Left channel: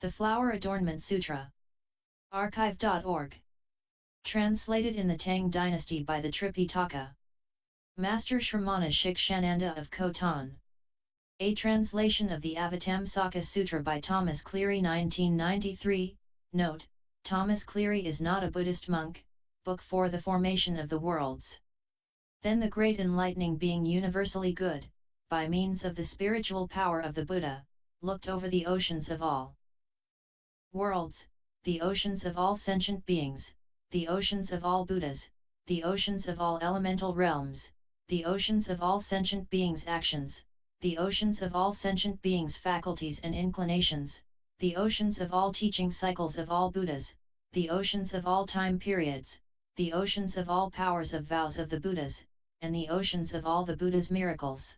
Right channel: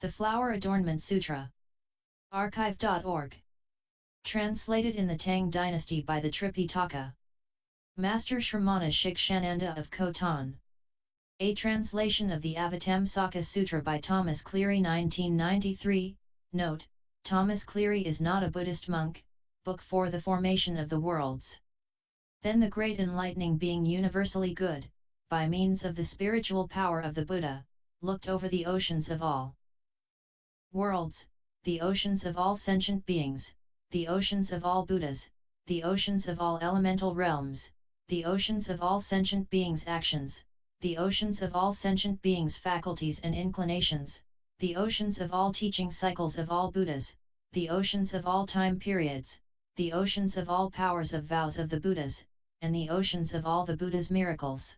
The Flower Adornment Sutra. Archive.org. Translated in the Tang Dynasty by the Tripitaka. Master Shramana Shikshananda of Khotan. A translation of the Avatamsaka-Sutra by Thomas Cleary 1993. Note, Thomas Cleary is not a Buddhist monk. Book for the Formation of the Worlds. Then the great enlightening being universally good, by means of the spiritual power of the Buddha, looked over the oceans of all worlds, the oceans of all sentient beings, the oceans of all Buddhas, the oceans of all elemental realms, the oceans of all sentient beings' actions, the oceans of all sentient beings' faculties and inclinations, the oceans of all teaching cycles of all Buddhas, the oceans of all time periods, the oceans of all powers of vows of the Buddhas, and the oceans of all the Buddha's miracles.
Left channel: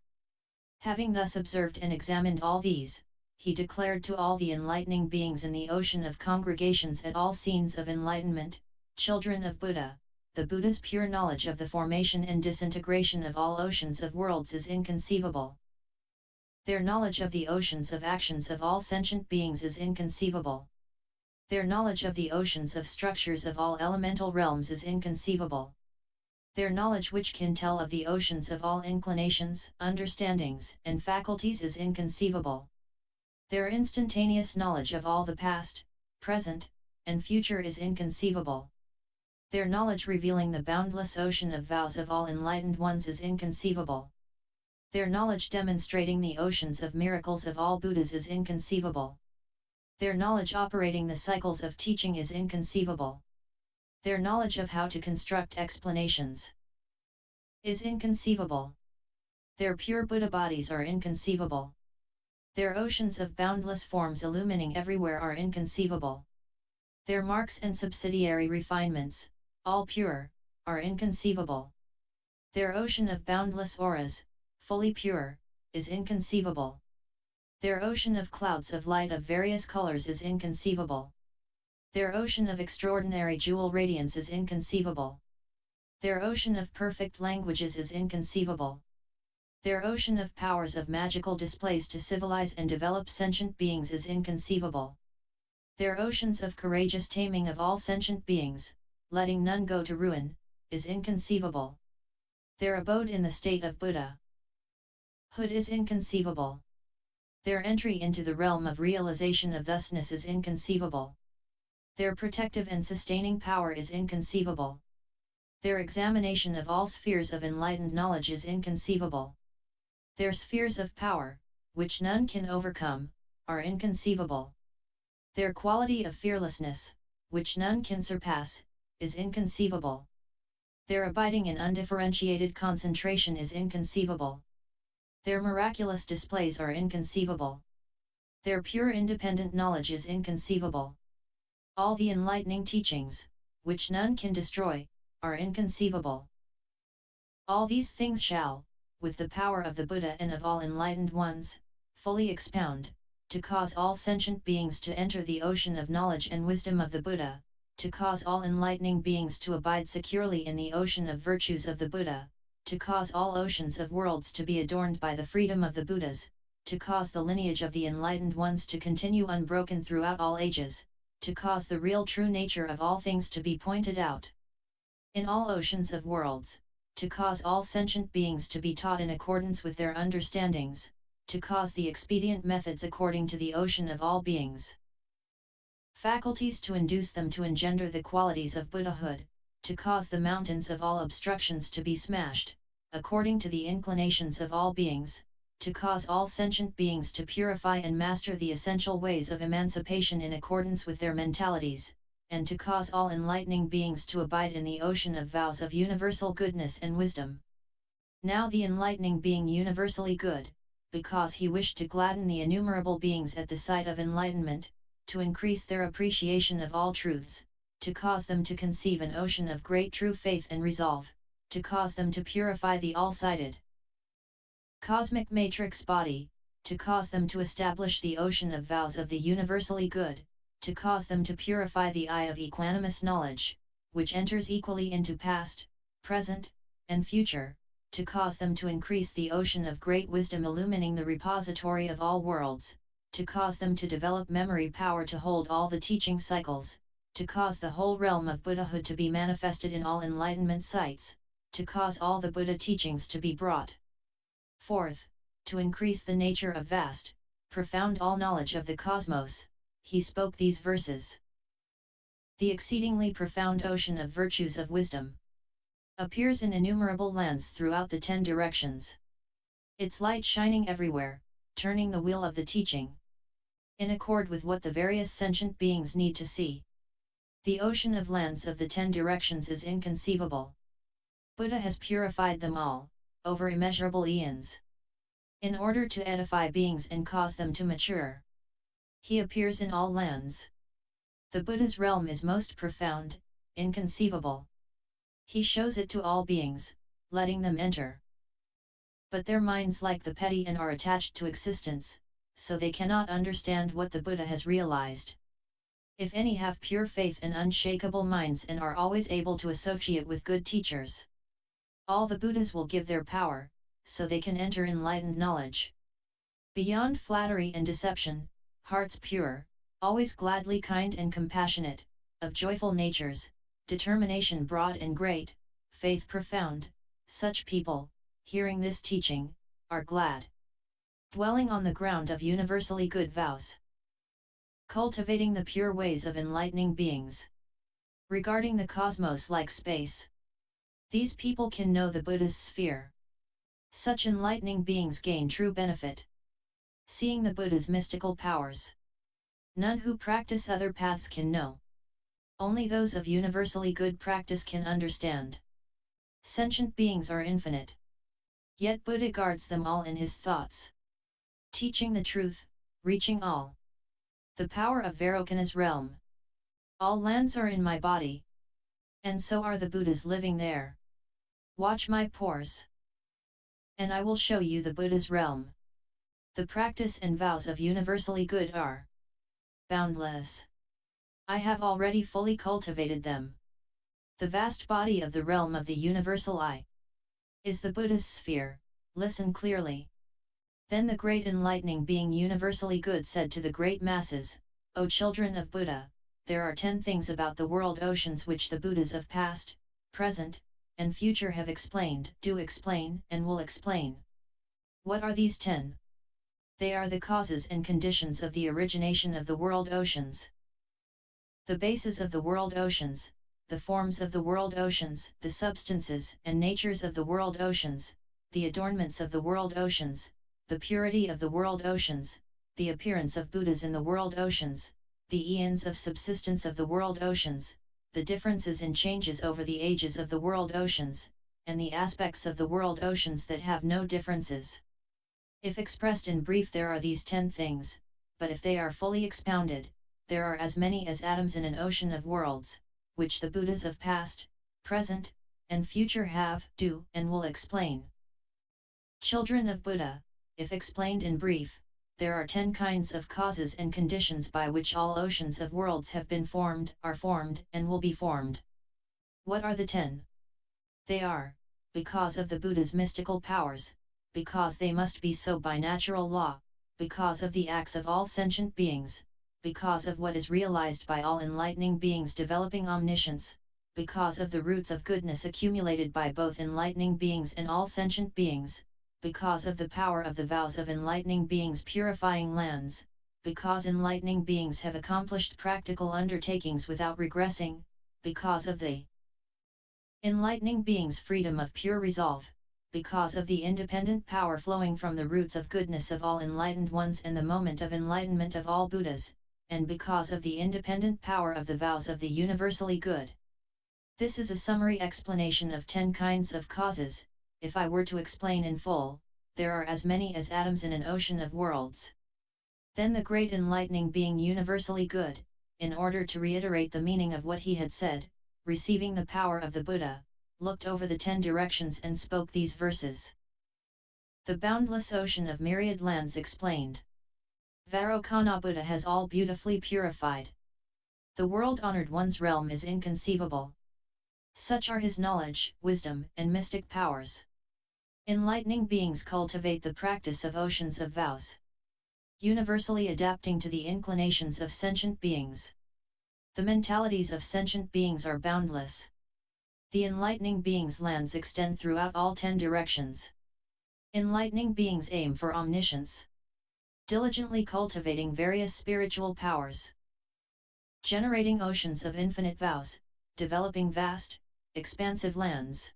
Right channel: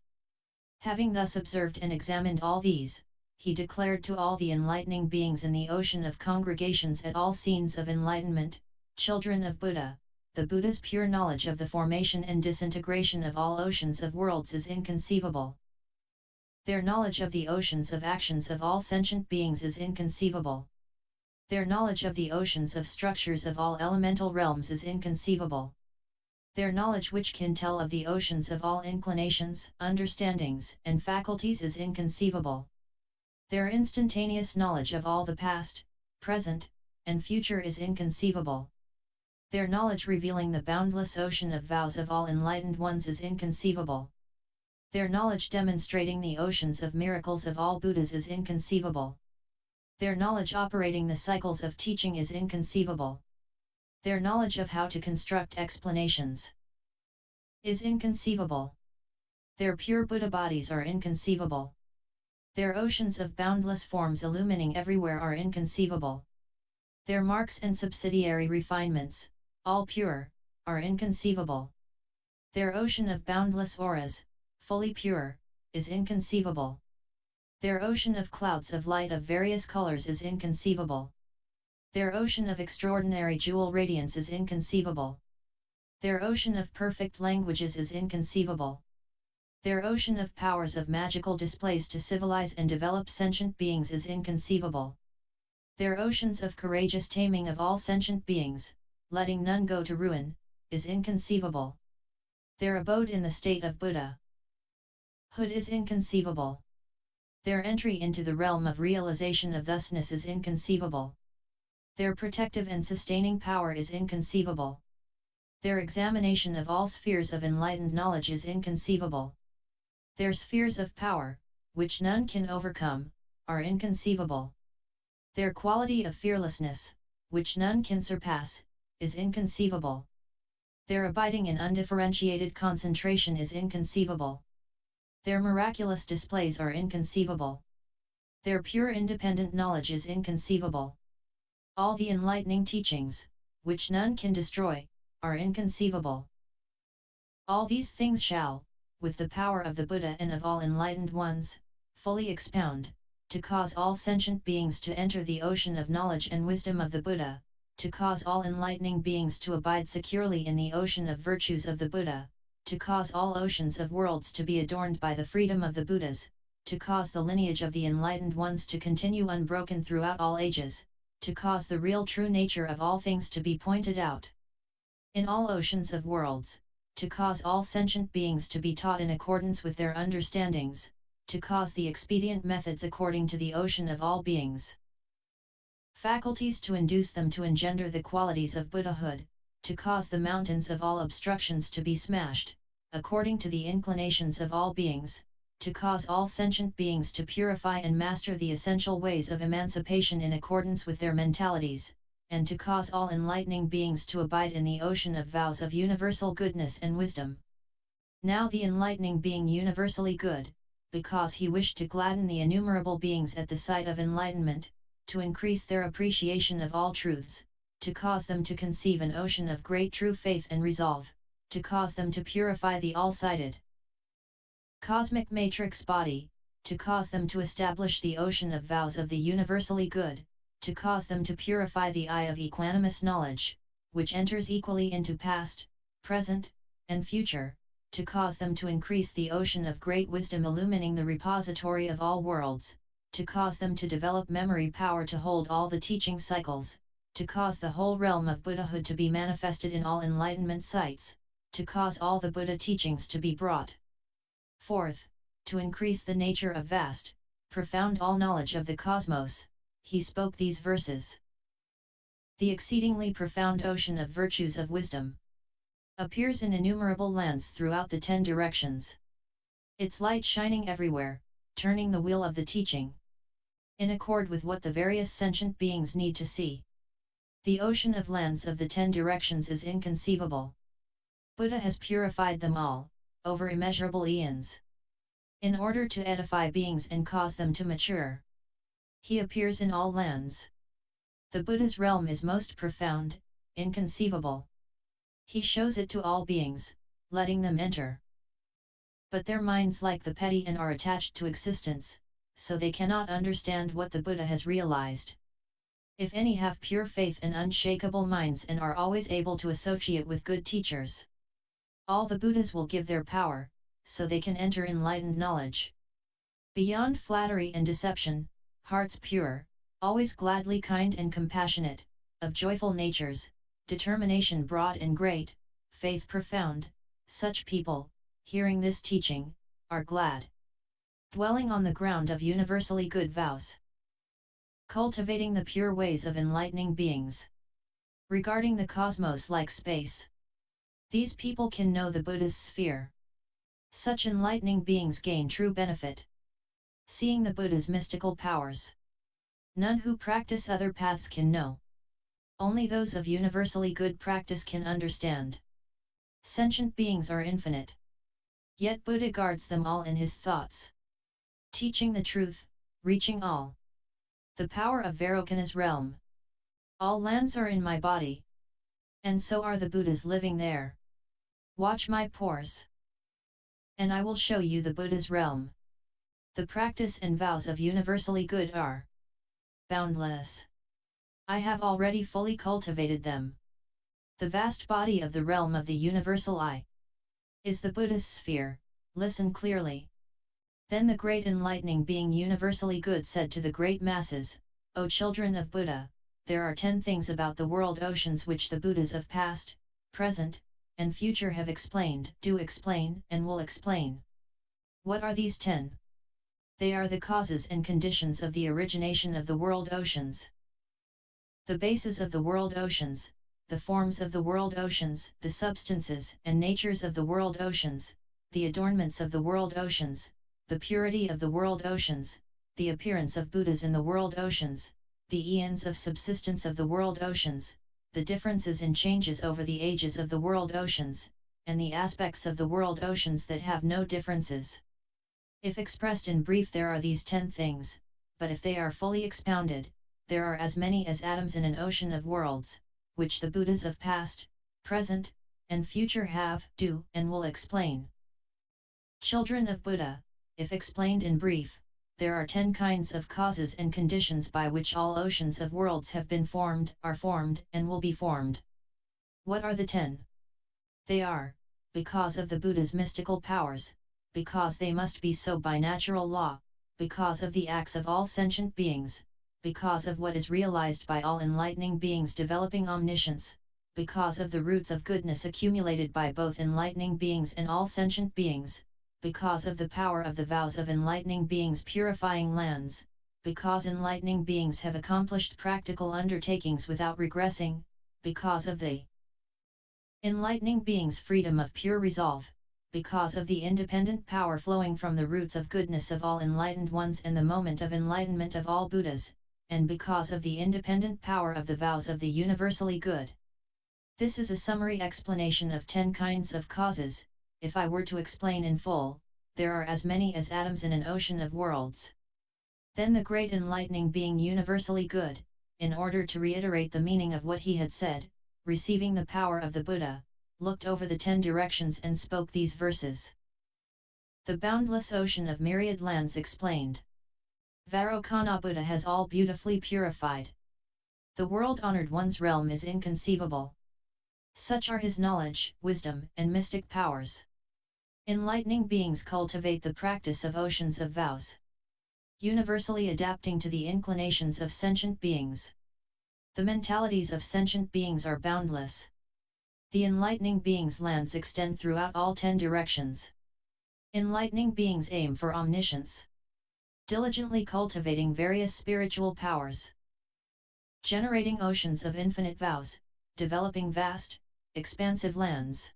Having thus observed and examined all these, he declared to all the enlightening beings in the ocean of congregations at all scenes of enlightenment, children of Buddha, the Buddha's pure knowledge of the formation and disintegration of all oceans of worlds is inconceivable. Their knowledge of the oceans of actions of all sentient beings is inconceivable. Their knowledge of the oceans of structures of all elemental realms is inconceivable. Their knowledge which can tell of the oceans of all inclinations, understandings, and faculties is inconceivable. Their instantaneous knowledge of all the past, present, and future is inconceivable. Their knowledge revealing the boundless ocean of vows of all enlightened ones is inconceivable. Their knowledge demonstrating the oceans of miracles of all Buddhas is inconceivable. Their knowledge operating the cycles of teaching is inconceivable. Their knowledge of how to construct explanations is inconceivable. Their pure Buddha bodies are inconceivable. Their oceans of boundless forms illumining everywhere are inconceivable. Their marks and subsidiary refinements, all pure, are inconceivable. Their ocean of boundless auras, fully pure, is inconceivable. Their ocean of clouds of light of various colors is inconceivable. Their ocean of extraordinary jewel radiance is inconceivable. Their ocean of perfect languages is inconceivable. Their ocean of powers of magical displays to civilize and develop sentient beings is inconceivable. Their oceans of courageous taming of all sentient beings, letting none go to ruin, is inconceivable. Their abode in the state of Buddha hood is inconceivable. Their entry into the realm of realization of thusness is inconceivable. Their protective and sustaining power is inconceivable. Their examination of all spheres of enlightened knowledge is inconceivable. Their spheres of power, which none can overcome, are inconceivable. Their quality of fearlessness, which none can surpass, is inconceivable. Their abiding in undifferentiated concentration is inconceivable. Their miraculous displays are inconceivable. Their pure independent knowledge is inconceivable. All the enlightening teachings, which none can destroy, are inconceivable. All these things shall, with the power of the Buddha and of all enlightened ones, fully expound, to cause all sentient beings to enter the ocean of knowledge and wisdom of the Buddha, to cause all enlightening beings to abide securely in the ocean of virtues of the Buddha, to cause all oceans of worlds to be adorned by the freedom of the Buddhas, to cause the lineage of the enlightened ones to continue unbroken throughout all ages, to cause the real true nature of all things to be pointed out in all oceans of worlds, to cause all sentient beings to be taught in accordance with their understandings, to cause the expedient methods according to the ocean of all beings' faculties to induce them to engender the qualities of Buddhahood, to cause the mountains of all obstructions to be smashed, according to the inclinations of all beings, to cause all sentient beings to purify and master the essential ways of emancipation in accordance with their mentalities, and to cause all enlightening beings to abide in the ocean of vows of universal goodness and wisdom. Now the enlightening being universally good, because he wished to gladden the innumerable beings at the sight of enlightenment, to increase their appreciation of all truths, to cause them to conceive an ocean of great true faith and resolve, to cause them to purify the all-sighted cosmic matrix body, to cause them to establish the ocean of vows of the universally good, to cause them to purify the eye of equanimous knowledge, which enters equally into past, present, and future, to cause them to increase the ocean of great wisdom illumining the repository of all worlds, to cause them to develop memory power to hold all the teaching cycles, to cause the whole realm of Buddhahood to be manifested in all enlightenment sites, to cause all the Buddha teachings to be brought forth, to increase the nature of vast, profound all-knowledge of the cosmos, he spoke these verses. The exceedingly profound ocean of virtues of wisdom appears in innumerable lands throughout the 10 directions. Its light shining everywhere, turning the wheel of the teaching, in accord with what the various sentient beings need to see. The ocean of lands of the 10 directions is inconceivable. Buddha has purified them all, over immeasurable eons, in order to edify beings and cause them to mature. He appears in all lands. The Buddha's realm is most profound, inconceivable. He shows it to all beings, letting them enter. But their minds like the petty and are attached to existence, so they cannot understand what the Buddha has realized. If any have pure faith and unshakable minds and are always able to associate with good teachers, all the Buddhas will give their power, so they can enter enlightened knowledge. Beyond flattery and deception, hearts pure, always gladly kind and compassionate, of joyful natures, determination broad and great, faith profound, such people, hearing this teaching, are glad. Dwelling on the ground of universally good vows. Cultivating the pure ways of enlightening beings. Regarding the cosmos like space. These people can know the Buddha's sphere. Such enlightening beings gain true benefit. Seeing the Buddha's mystical powers. None who practice other paths can know. Only those of universally good practice can understand. Sentient beings are infinite. Yet Buddha guards them all in his thoughts. Teaching the truth, reaching all. The power of Vairocana's realm. All lands are in my body. And so are the Buddhas living there. Watch my pores. And I will show you the Buddha's realm. The practice and vows of universally good are boundless. I have already fully cultivated them. The vast body of the realm of the universal I is the Buddha's sphere. Listen clearly. Then the great enlightening being universally good said to the great masses, O children of Buddha, there are 10 things about the world oceans which the Buddhas of past, present, and future have explained, do explain, and will explain. What are these 10? They are the causes and conditions of the origination of the world oceans. The bases of the world oceans, the forms of the world oceans, the substances and natures of the world oceans, the adornments of the world oceans, the purity of the world oceans, the appearance of Buddhas in the world oceans, the eons of subsistence of the world oceans, the differences in changes over the ages of the world oceans, and the aspects of the world oceans that have no differences. If expressed in brief, there are these 10 things, but if they are fully expounded, there are as many as atoms in an ocean of worlds, which the Buddhas of past, present, and future have, do, and will explain. Children of Buddha, if explained in brief, there are 10 kinds of causes and conditions by which all oceans of worlds have been formed, are formed, and will be formed. What are the 10? They are, because of the Buddha's mystical powers, because they must be so by natural law, because of the acts of all sentient beings, because of what is realized by all enlightening beings developing omniscience, because of the roots of goodness accumulated by both enlightening beings and all sentient beings, because of the power of the vows of enlightening beings purifying lands, because enlightening beings have accomplished practical undertakings without regressing, because of the enlightening beings' freedom of pure resolve, because of the independent power flowing from the roots of goodness of all enlightened ones and the moment of enlightenment of all Buddhas, and because of the independent power of the vows of the universally good. This is a summary explanation of 10 kinds of causes. If I were to explain in full, there are as many as atoms in an ocean of worlds. Then the great enlightening being universally good, in order to reiterate the meaning of what he had said, receiving the power of the Buddha, looked over the 10 directions and spoke these verses. The boundless ocean of myriad lands explained. Vairocana Buddha has all beautifully purified. The world-honored one's realm is inconceivable. Such are his knowledge, wisdom, and mystic powers. Enlightening beings cultivate the practice of oceans of vows. universally adapting to the inclinations of sentient beings. The mentalities of sentient beings are boundless. The enlightening beings' lands extend throughout all 10 directions. Enlightening beings aim for omniscience, diligently cultivating various spiritual powers, generating oceans of infinite vows, developing vast, expansive lands,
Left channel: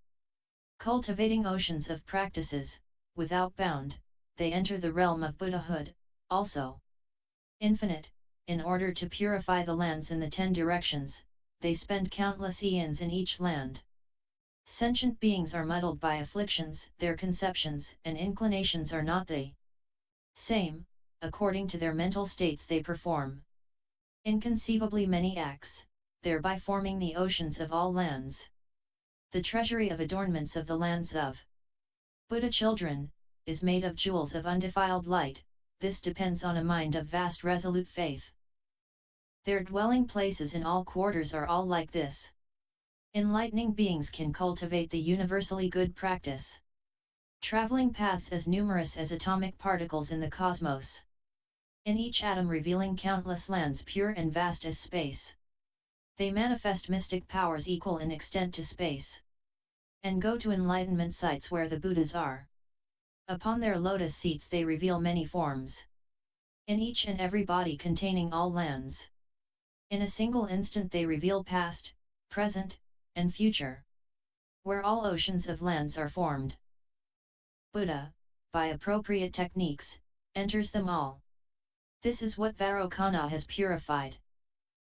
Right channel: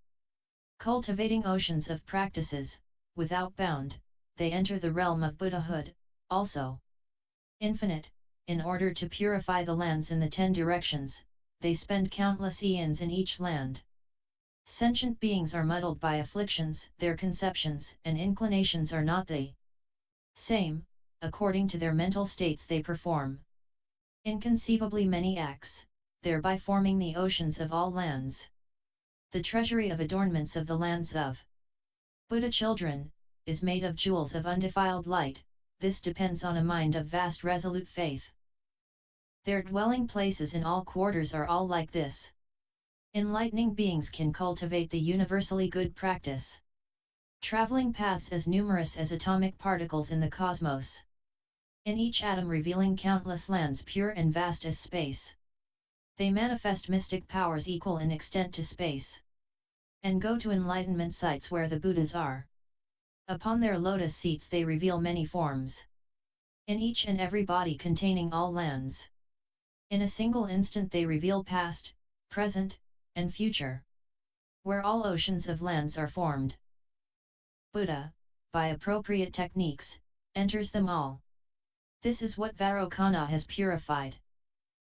cultivating oceans of practices, without bound, they enter the realm of Buddhahood, also infinite. In order to purify the lands in the 10 directions, they spend countless eons in each land. Sentient beings are muddled by afflictions, their conceptions and inclinations are not the same, according to their mental states they perform inconceivably many acts, thereby forming the oceans of all lands. The treasury of adornments of the lands of Buddha children, is made of jewels of undefiled light. This depends on a mind of vast resolute faith. Their dwelling places in all quarters are all like this. Enlightening beings can cultivate the universally good practice. Traveling paths as numerous as atomic particles in the cosmos. In each atom revealing countless lands pure and vast as space. They manifest mystic powers equal in extent to space. And go to enlightenment sites where the Buddhas are. Upon their lotus seats they reveal many forms. In each and every body containing all lands. In a single instant they reveal past, present, and future. Where all oceans of lands are formed. Buddha, by appropriate techniques, enters them all. This is what Vairocana has purified.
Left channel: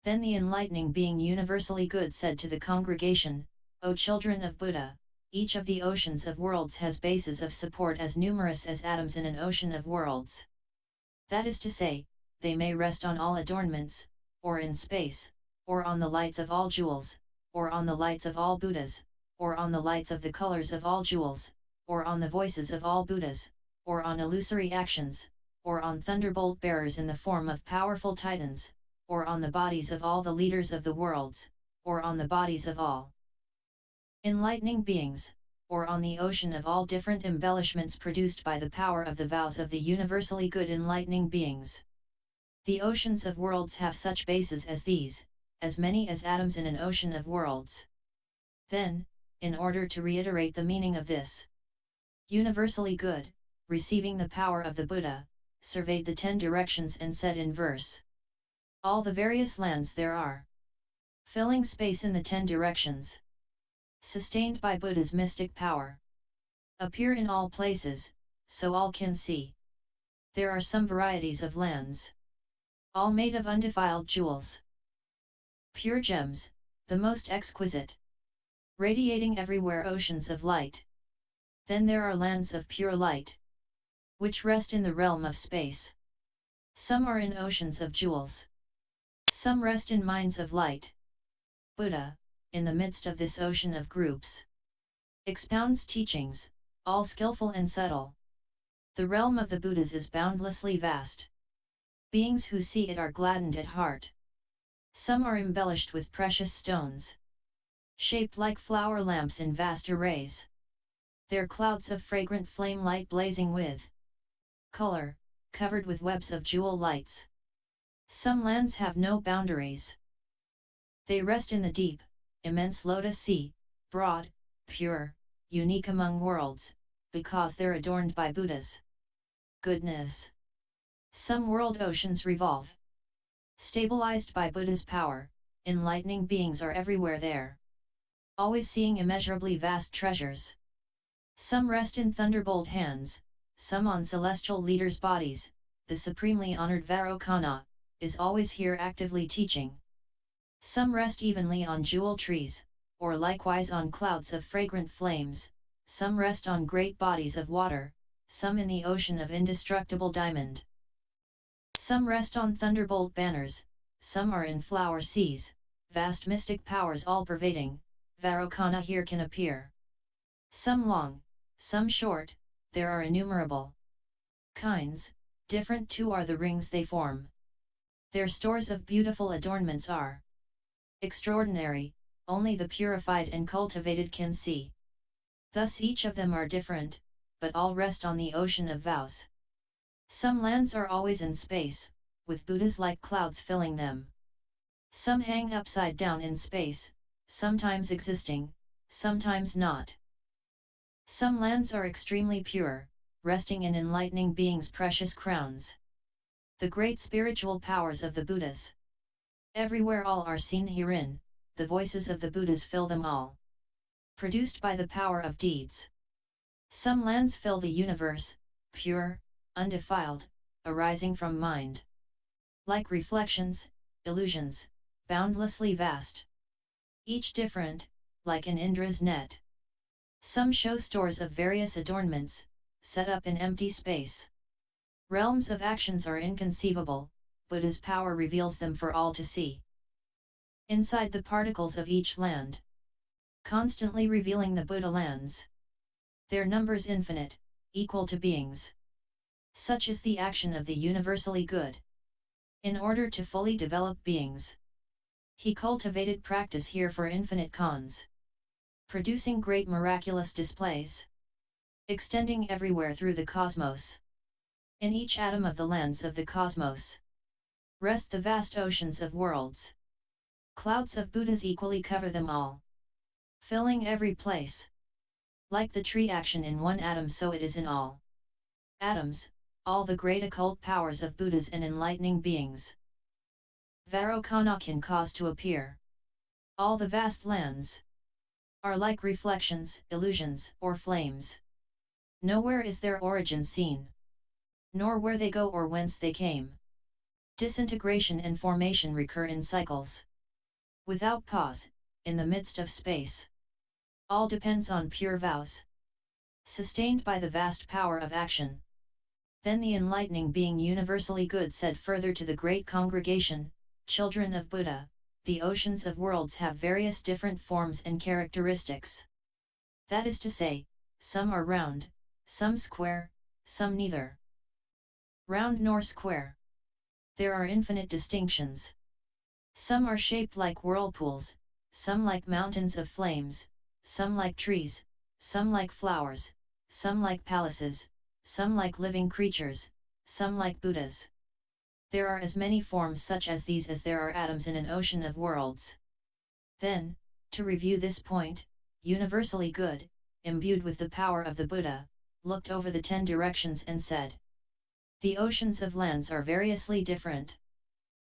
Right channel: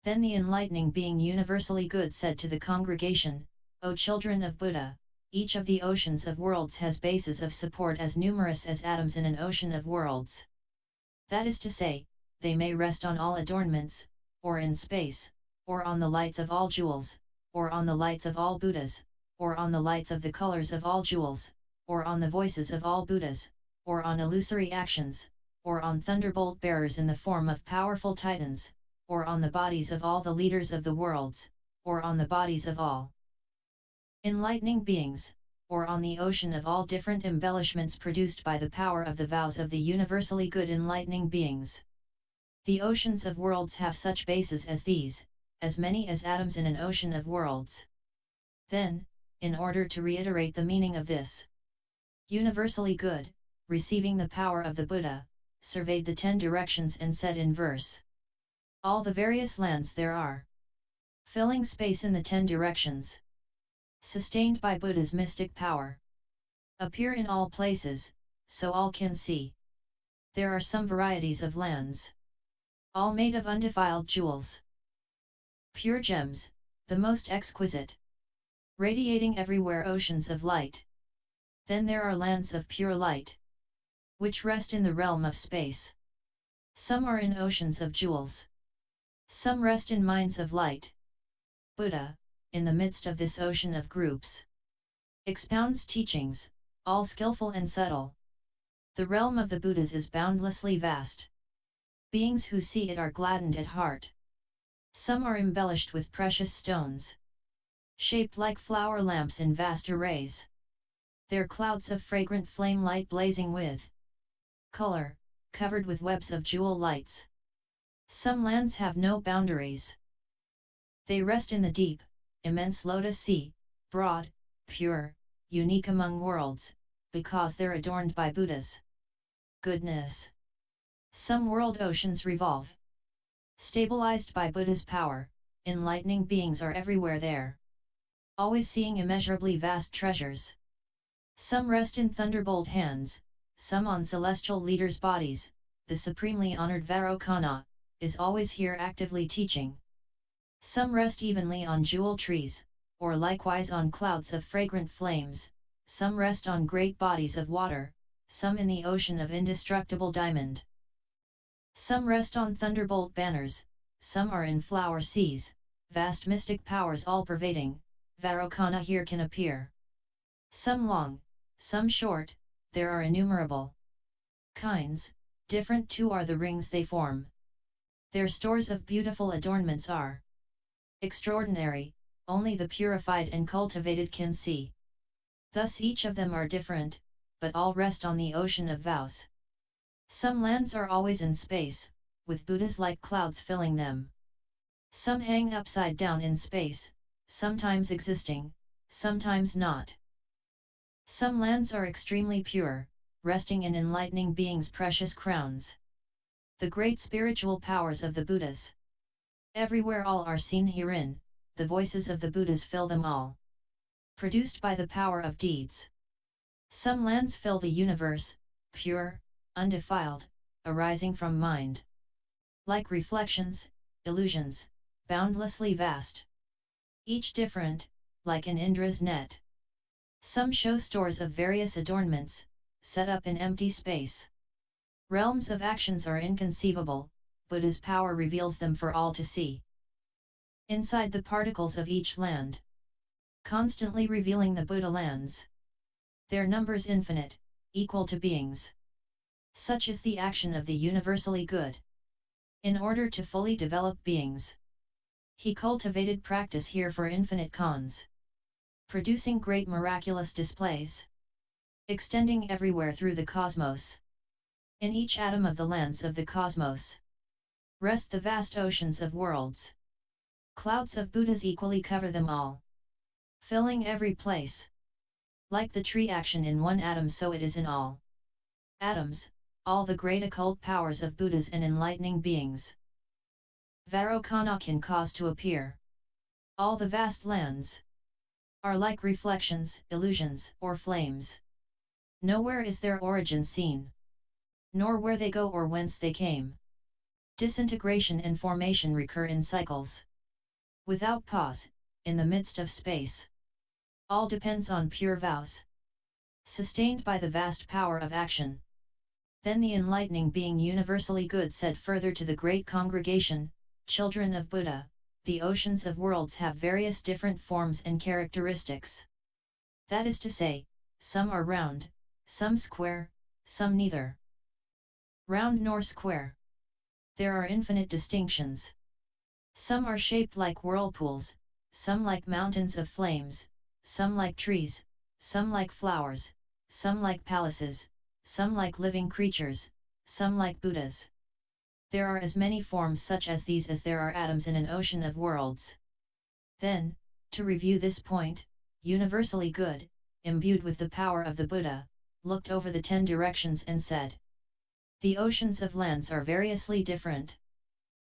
Then the enlightening being universally good said to the congregation, O children of Buddha, each of the oceans of worlds has bases of support as numerous as atoms in an ocean of worlds. That is to say, they may rest on all adornments, or in space, or on the lights of all jewels, or on the lights of all Buddhas, or on the lights of the colors of all jewels, or on the voices of all Buddhas, or on illusory actions, or on thunderbolt bearers in the form of powerful titans, or on the bodies of all the leaders of the worlds, or on the bodies of all enlightening beings, or on the ocean of all different embellishments produced by the power of the vows of the universally good enlightening beings. The oceans of worlds have such bases as these, as many as atoms in an ocean of worlds. Then, in order to reiterate the meaning of this universally good, receiving the power of the Buddha, surveyed the 10 directions and said in verse, all the various lands there are, filling space in the 10 directions, sustained by Buddha's mystic power, appear in all places, so all can see. There are some varieties of lands, all made of undefiled jewels, pure gems, the most exquisite, radiating everywhere oceans of light. Then there are lands of pure light, which rest in the realm of space. Some are in oceans of jewels. Some rest in mines of light. Buddha, in the midst of this ocean of groups, expounds teachings, all skillful and subtle. The realm of the Buddhas is boundlessly vast. Beings who see it are gladdened at heart. Some are embellished with precious stones, shaped like flower lamps in vast arrays. Their clouds of fragrant flame light blazing with color, covered with webs of jewel lights. Some lands have no boundaries. They rest in the deep, immense lotus sea, broad, pure, unique among worlds, because they're adorned by Buddha's goodness. Some world oceans revolve, stabilized by Buddha's power. Enlightening beings are everywhere there, always seeing immeasurably vast treasures. Some rest in thunderbolt hands, some on celestial leaders' bodies. The supremely honored Vairocana is always here actively teaching. Some rest evenly on jewel trees, or likewise on clouds of fragrant flames. Some rest on great bodies of water, some in the ocean of indestructible diamond. Some rest on thunderbolt banners, some are in flower seas. Vast mystic powers all pervading, Vairocana here can appear. Some long, some short, there are innumerable kinds, different too are the rings they form. Their stores of beautiful adornments are extraordinary, only the purified and cultivated can see. Thus each of them are different, but all rest on the ocean of vows. Some lands are always in space, with Buddhas like clouds filling them. Some hang upside down in space, sometimes existing, sometimes not. Some lands are extremely pure, resting in enlightening beings' precious crowns. The great spiritual powers of the Buddhas. Everywhere all are seen herein, the voices of the Buddhas fill them all. Produced by the power of deeds. Some lands fill the universe, pure, undefiled, arising from mind. Like reflections, illusions, boundlessly vast. Each different, like an Indra's net. Some show stores of various adornments, set up in empty space. Realms of actions are inconceivable, Buddha's power reveals them for all to see. Inside the particles of each land. Constantly revealing the Buddha lands. Their numbers infinite, equal to beings. Such is the action of the universally good. In order to fully develop beings, he cultivated practice here for infinite cons. Producing great miraculous displays. Extending everywhere through the cosmos. In each atom of the lands of the cosmos rest the vast oceans of worlds. Clouds of Buddhas equally cover them all. Filling every place. Like the tree action in one atom, so it is in all atoms, all the great occult powers of Buddhas and enlightening beings. Varokana can cause to appear. All the vast lands are like reflections, illusions, or flames. Nowhere is their origin seen, nor where they go or whence they came. Disintegration and formation recur in cycles. Without pause, in the midst of space. All depends on pure vows. Sustained by the vast power of action. Then the enlightening being universally good said further to the great congregation, children of Buddha, the oceans of worlds have various different forms and characteristics. That is to say, some are round, some square, some neither round nor square. There are infinite distinctions. Some are shaped like whirlpools, some like mountains of flames, some like trees, some like flowers, some like palaces, some like living creatures, some like Buddhas. There are as many forms such as these as there are atoms in an ocean of worlds. Then, to review this point, universally good, imbued with the power of the Buddha, looked over the 10 directions and said, the oceans of lands are variously different.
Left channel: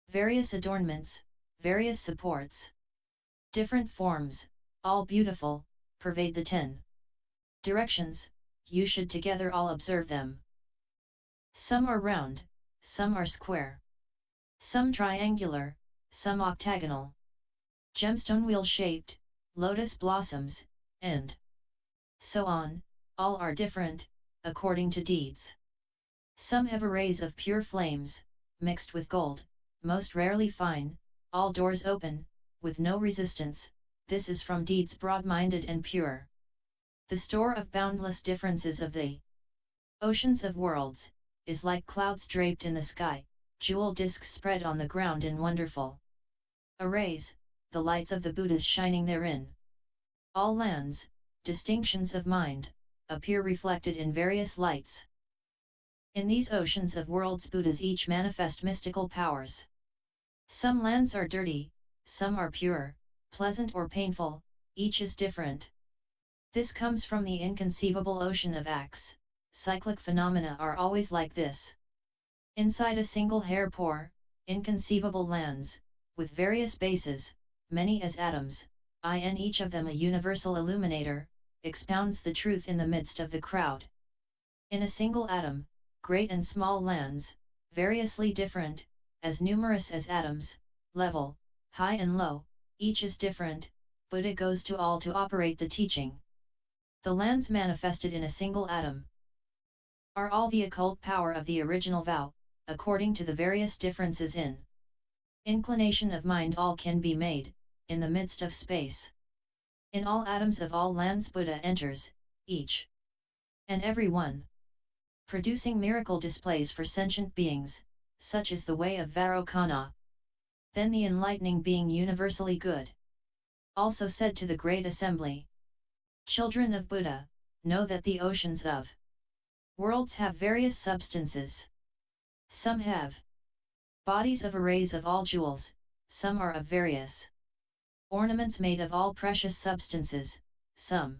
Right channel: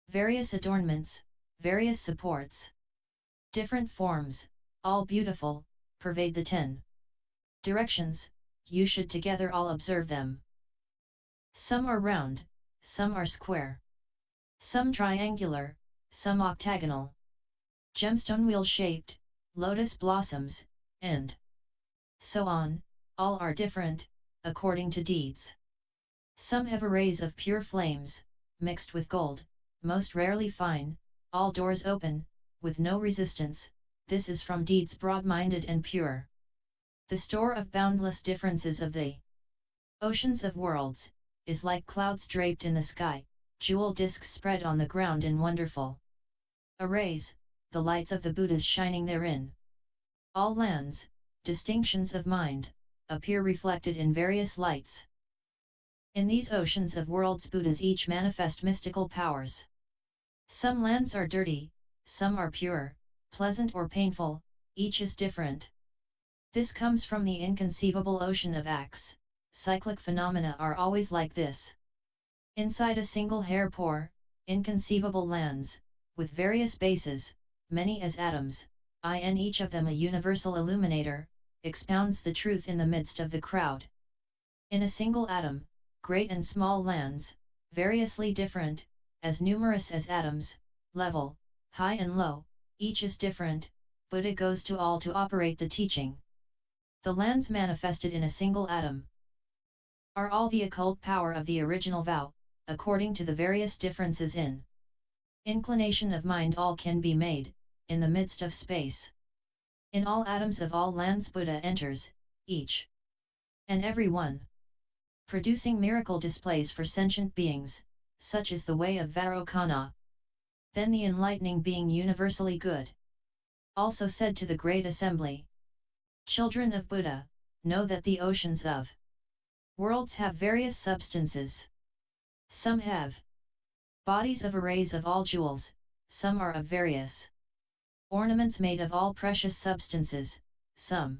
Various adornments, various supports. Different forms, all beautiful, pervade the 10 directions, you should together all observe them. Some are round, some are square. Some triangular, some octagonal. Gemstone wheel shaped, lotus blossoms, and so on, all are different, according to deeds. Some have arrays of pure flames, mixed with gold, most rarely fine, all doors open, with no resistance, this is from deeds broad-minded and pure. The store of boundless differences of the oceans of worlds, is like clouds draped in the sky, jewel discs spread on the ground in wonderful arrays, the lights of the Buddhas shining therein. All lands, distinctions of mind, appear reflected in various lights. In these oceans of worlds Buddhas each manifest mystical powers. Some lands are dirty, some are pure, pleasant or painful, each is different. This comes from the inconceivable ocean of acts, cyclic phenomena are always like this. Inside a single hair pore, inconceivable lands, with various bases, many as atoms, in each of them a universal illuminator, expounds the truth in the midst of the crowd. In a single atom, great and small lands, variously different, as numerous as atoms, level, high and low, each is different, Buddha goes to all to operate the teaching. The lands manifested in a single atom are all the occult power of the original vow, according to the various differences in inclination of mind all can be made, in the midst of space. In all atoms of all lands Buddha enters, each and every one, producing miracle displays for sentient beings, such is the way of Varokana. Then the enlightening being universally good also said to the great assembly, children of Buddha, know that the oceans of worlds have various substances. Some have bodies of arrays of all jewels, some are of various ornaments made of all precious substances, some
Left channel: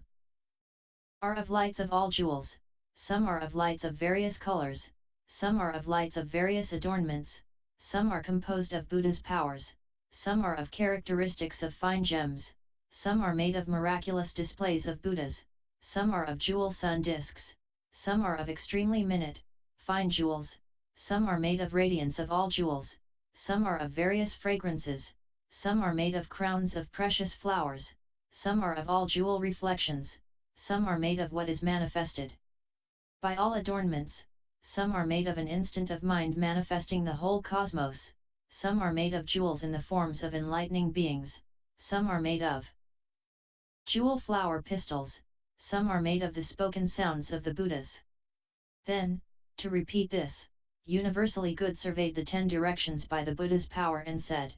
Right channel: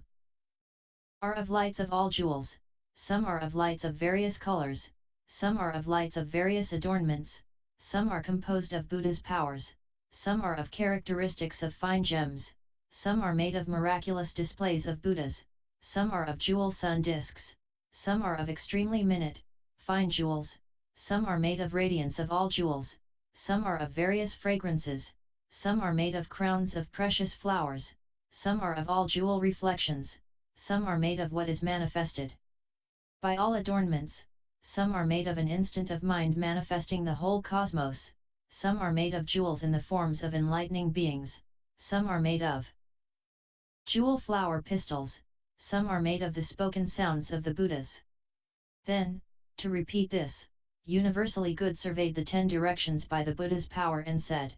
are of lights of all jewels, some are of lights of various colors, some are of lights of various adornments, some are composed of Buddha's powers, some are of characteristics of fine gems, some are made of miraculous displays of Buddhas, some are of jewel sun discs, some are of extremely minute, fine jewels, some are made of radiance of all jewels, some are of various fragrances, some are made of crowns of precious flowers, some are of all jewel reflections, some are made of what is manifested by all adornments, some are made of an instant of mind manifesting the whole cosmos, some are made of jewels in the forms of enlightening beings, some are made of jewel flower pistils, some are made of the spoken sounds of the Buddhas. Then, to repeat this, universally good surveyed the 10 directions by the Buddha's power and said,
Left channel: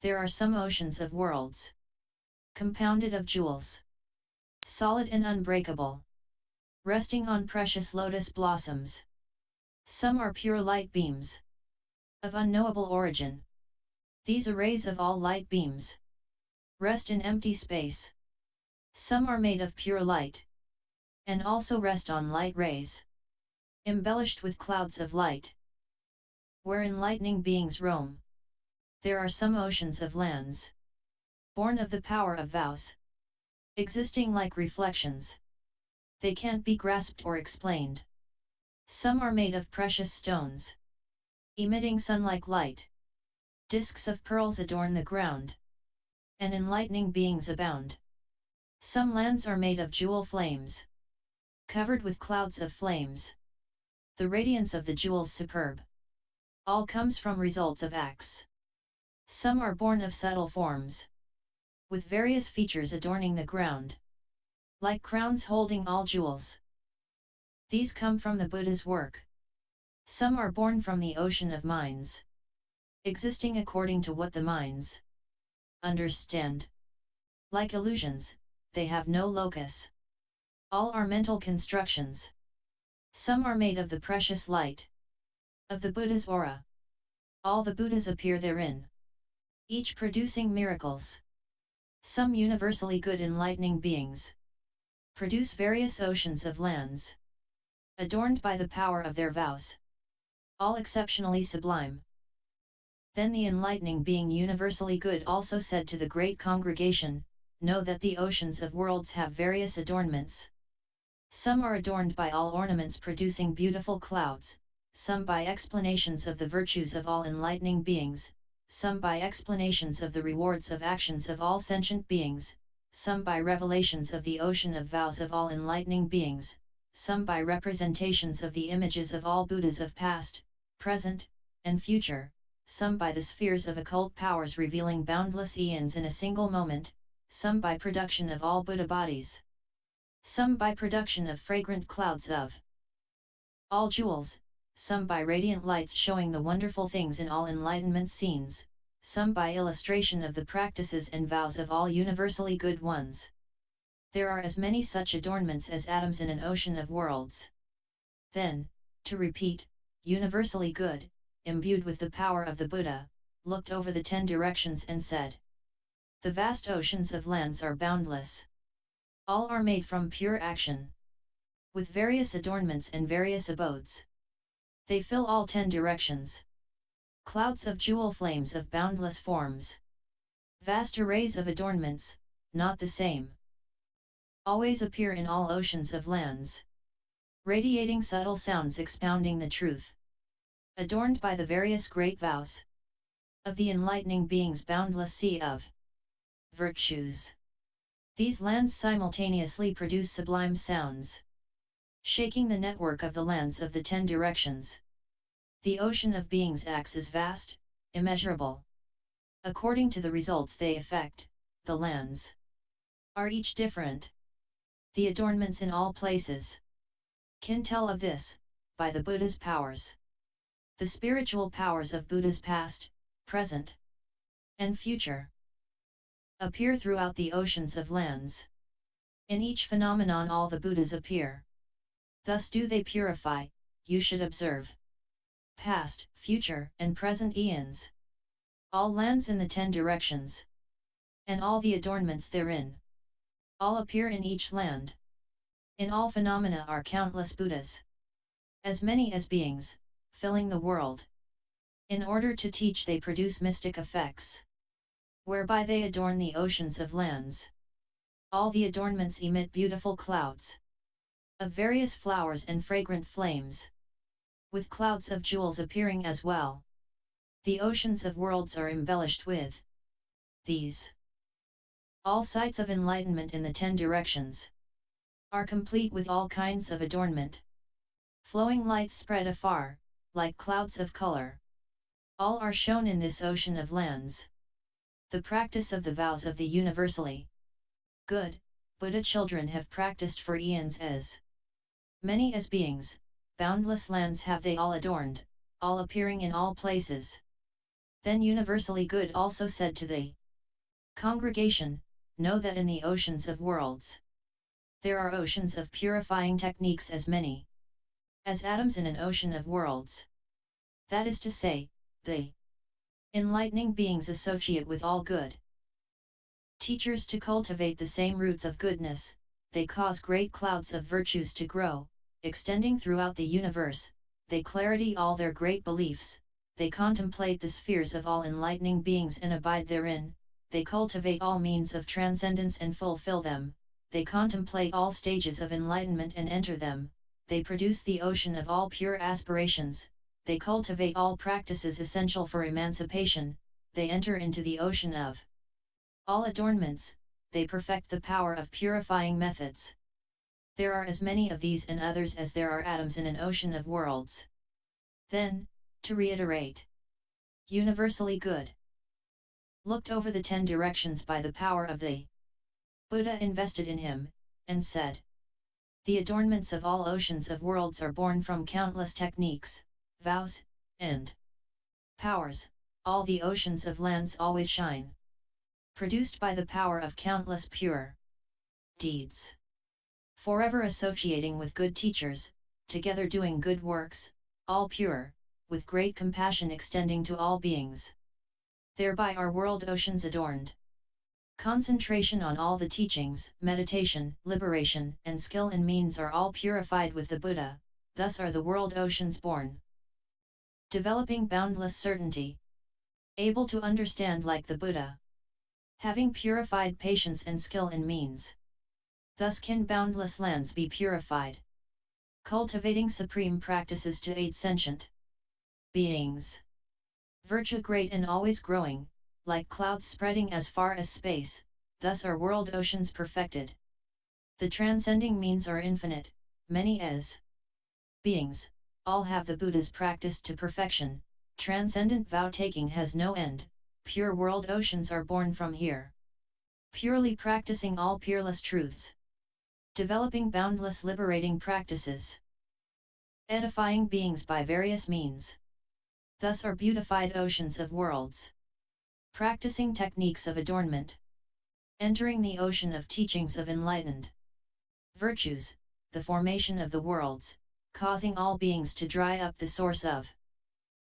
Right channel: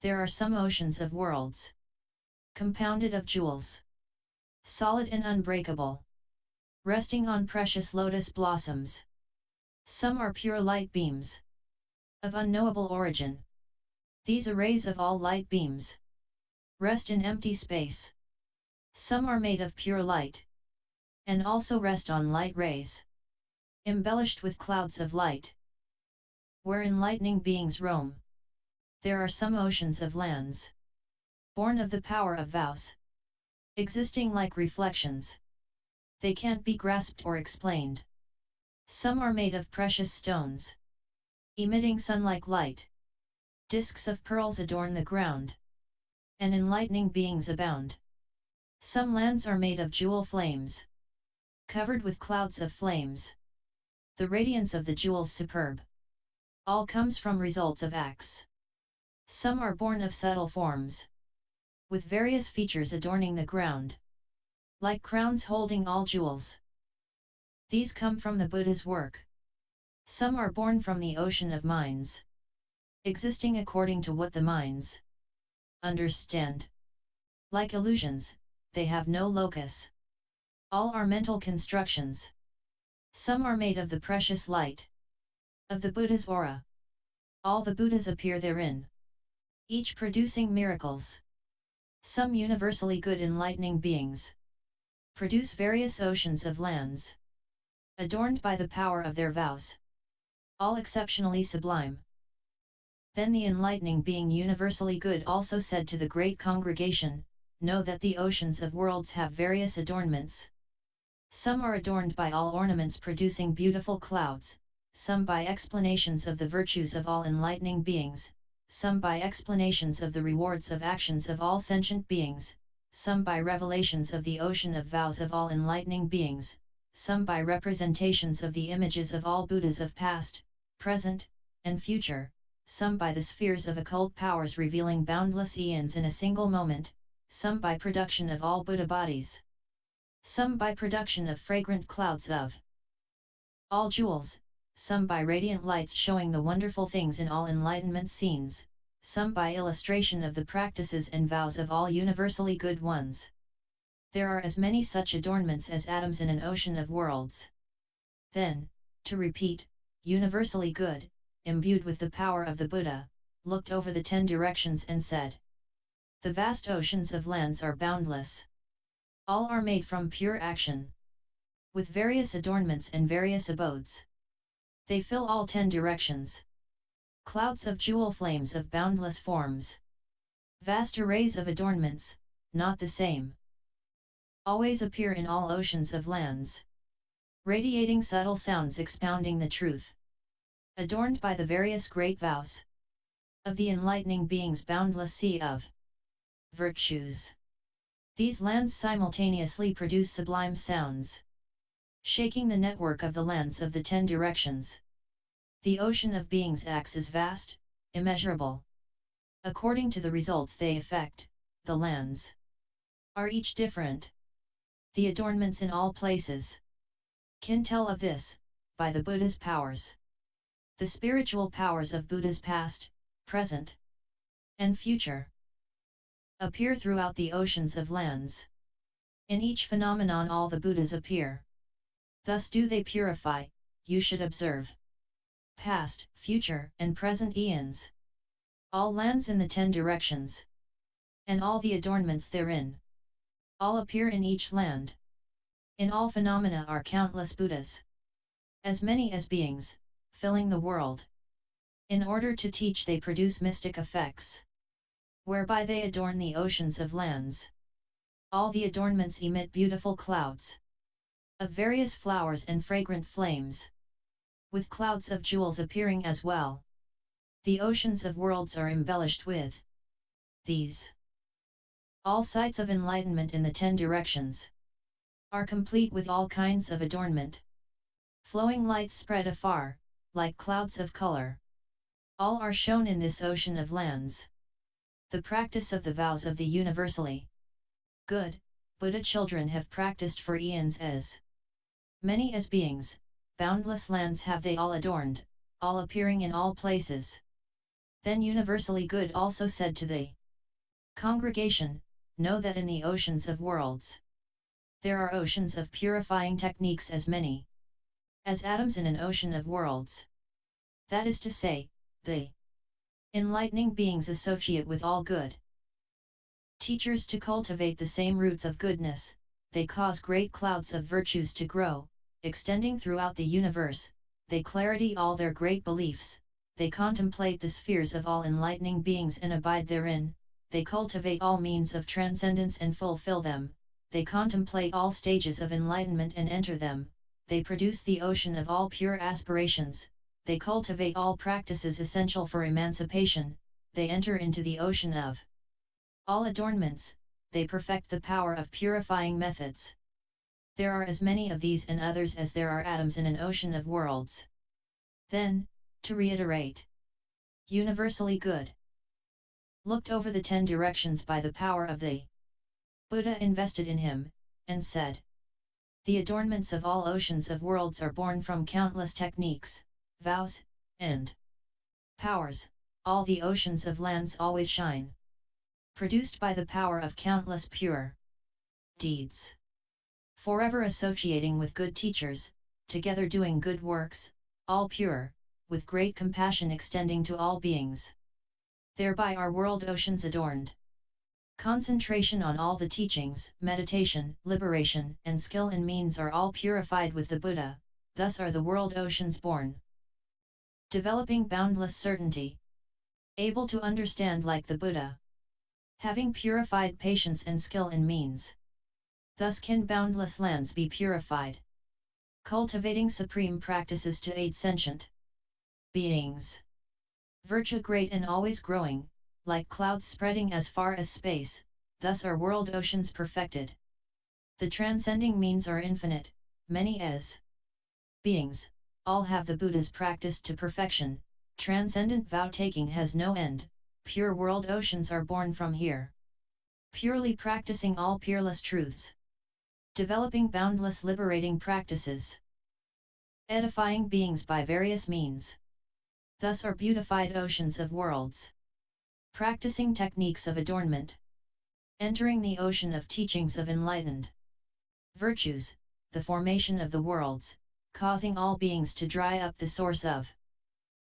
there are some oceans of worlds, compounded of jewels, solid and unbreakable, resting on precious lotus blossoms. Some are pure light beams, of unknowable origin. These arrays of all light beams rest in empty space. Some are made of pure light, and also rest on light rays, embellished with clouds of light, where enlightening beings roam. There are some oceans of lands, born of the power of vows, existing like reflections. They can't be grasped or explained. Some are made of precious stones, emitting sun-like light. Discs of pearls adorn the ground, and enlightening beings abound. Some lands are made of jewel flames, covered with clouds of flames. The radiance of the jewels superb. All comes from results of acts. Some are born of subtle forms, with various features adorning the ground, like crowns holding all jewels. These come from the Buddha's work. Some are born from the ocean of minds, existing according to what the minds understand. Like illusions, they have no locus. All are mental constructions. Some are made of the precious light of the Buddha's aura. All the Buddhas appear therein, each producing miracles. Some universally good enlightening beings produce various oceans of lands, adorned by the power of their vows, all exceptionally sublime. Then the enlightening being universally good also said to the great congregation, know that the oceans of worlds have various adornments. Some are adorned by all ornaments producing beautiful clouds, some by explanations of the virtues of all enlightening beings, some by explanations of the rewards of actions of all sentient beings, some by revelations of the ocean of vows of all enlightening beings, some by representations of the images of all Buddhas of past, present, and future, some by the spheres of occult powers revealing boundless eons in a single moment, some by production of all Buddha bodies, some by production of fragrant clouds of all jewels, some by radiant lights showing the wonderful things in all enlightenment scenes, some by illustration of the practices and vows of all universally good ones. There are as many such adornments as atoms in an ocean of worlds. Then, to repeat, universally good, imbued with the power of the Buddha, looked over the 10 directions and said, the vast oceans of lands are boundless. All are made from pure action, with various adornments and various abodes. They fill all 10 directions. Clouds of jewel flames of boundless forms. Vast arrays of adornments, not the same, always appear in all oceans of lands. Radiating subtle sounds expounding the truth. Adorned by the various great vows of the enlightening being's boundless sea of virtues. These lands simultaneously produce sublime sounds, shaking the network of the lands of the 10 directions. The ocean of beings acts is vast, immeasurable. According to the results they effect, the lands are each different. The adornments in all places can tell of this, by the Buddha's powers. The spiritual powers of Buddha's past, present, and future appear throughout the oceans of lands. In each phenomenon all the Buddhas appear. Thus do they purify, you should observe. past, future, and present eons. All lands in the 10 directions, and all the adornments therein, all appear in each land. In all phenomena are countless Buddhas, as many as beings, filling the world. In order to teach they produce mystic effects, whereby they adorn the oceans of lands. All the adornments emit beautiful clouds of various flowers and fragrant flames, with clouds of jewels appearing as well. The oceans of worlds are embellished with these. All sites of enlightenment in the 10 directions are complete with all kinds of adornment. Flowing lights spread afar, like clouds of color. All are shown in this ocean of lands. The practice of the vows of the universally good Buddha children have practiced for eons as many as beings, boundless lands have they all adorned, all appearing in all places. Then universally good also said to the congregation, know that in the oceans of worlds, there are oceans of purifying techniques as many as atoms in an ocean of worlds. That is to say, the enlightening beings associate with all good teachers to cultivate the same roots of goodness. They cause great clouds of virtues to grow, extending throughout the universe. They clarity all their great beliefs. They contemplate the spheres of all enlightening beings and abide therein. They cultivate all means of transcendence and fulfill them. They contemplate all stages of enlightenment and enter them. They produce the ocean of all pure aspirations. They cultivate all practices essential for emancipation. They enter into the ocean of all adornments. They perfect the power of purifying methods. There are as many of these and others as there are atoms in an ocean of worlds. Then, to reiterate, universally good looked over the 10 directions by the power of the Buddha invested in him, and said, the adornments of all oceans of worlds are born from countless techniques, vows, and powers. All the oceans of lands always shine, produced by the power of countless pure deeds. Forever associating with good teachers, together doing good works, all pure, with great compassion extending to all beings. Thereby are world oceans adorned. Concentration on all the teachings, meditation, liberation, and skill and means are all purified with the Buddha, thus are the world oceans born. Developing boundless certainty, able to understand like the Buddha, having purified patience and skill and means. Thus can boundless lands be purified. Cultivating supreme practices to aid sentient beings. Virtue great and always growing, like clouds spreading as far as space, thus are world oceans perfected. The transcending means are infinite, many as beings, all have the Buddhas practiced to perfection. Transcendent vow-taking has no end, pure world oceans are born from here. Purely practicing all peerless truths. Developing boundless liberating practices. Edifying beings by various means. Thus are beautified oceans of worlds. Practicing techniques of adornment. Entering the ocean of teachings of enlightened virtues, the formation of the worlds, causing all beings to dry up the source of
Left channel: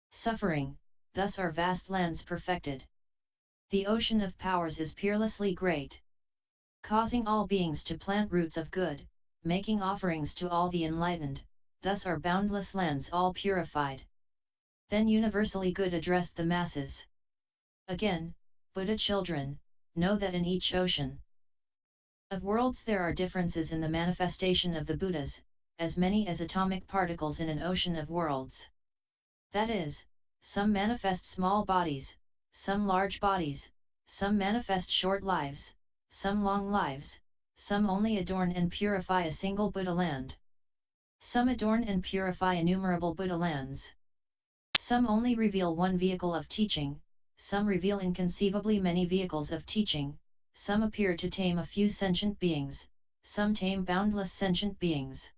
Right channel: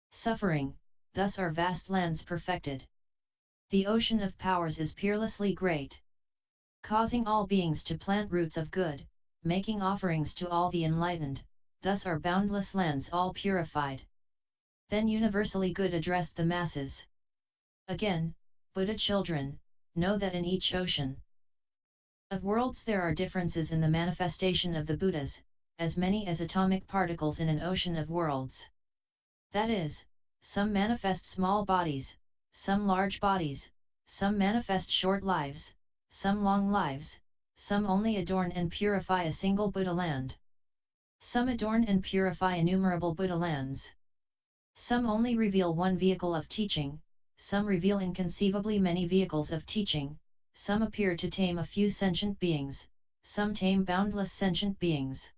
suffering, thus are vast lands perfected. The ocean of powers is peerlessly great, causing all beings to plant roots of good, making offerings to all the enlightened, thus are boundless lands all purified. Then universally good addressed the masses. Again, Buddha children, know that in each ocean of worlds there are differences in the manifestation of the Buddhas, as many as atomic particles in an ocean of worlds. That is, some manifest small bodies, some large bodies, some manifest short lives, some long lives, some only adorn and purify a single Buddha land. Some adorn and purify innumerable Buddha lands. Some only reveal one vehicle of teaching, some reveal inconceivably many vehicles of teaching, some appear to tame a few sentient beings, some tame boundless sentient beings.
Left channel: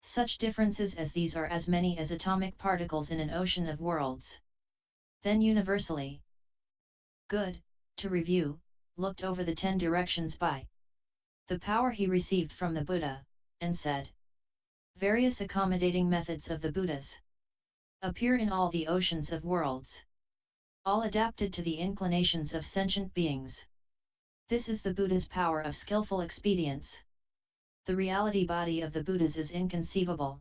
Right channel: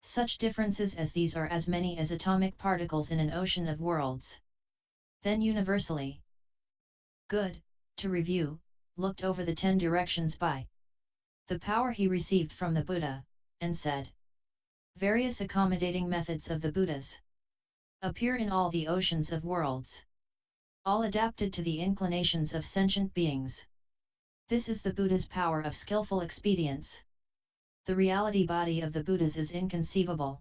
Such differences as these are as many as atomic particles in an ocean of worlds. Then universally good, to review, looked over the 10 directions by the power he received from the Buddha, and said, various accommodating methods of the Buddhas. appear in all the oceans of worlds, all adapted to the inclinations of sentient beings. This is the Buddha's power of skillful expedience. The reality body of the Buddhas is inconceivable,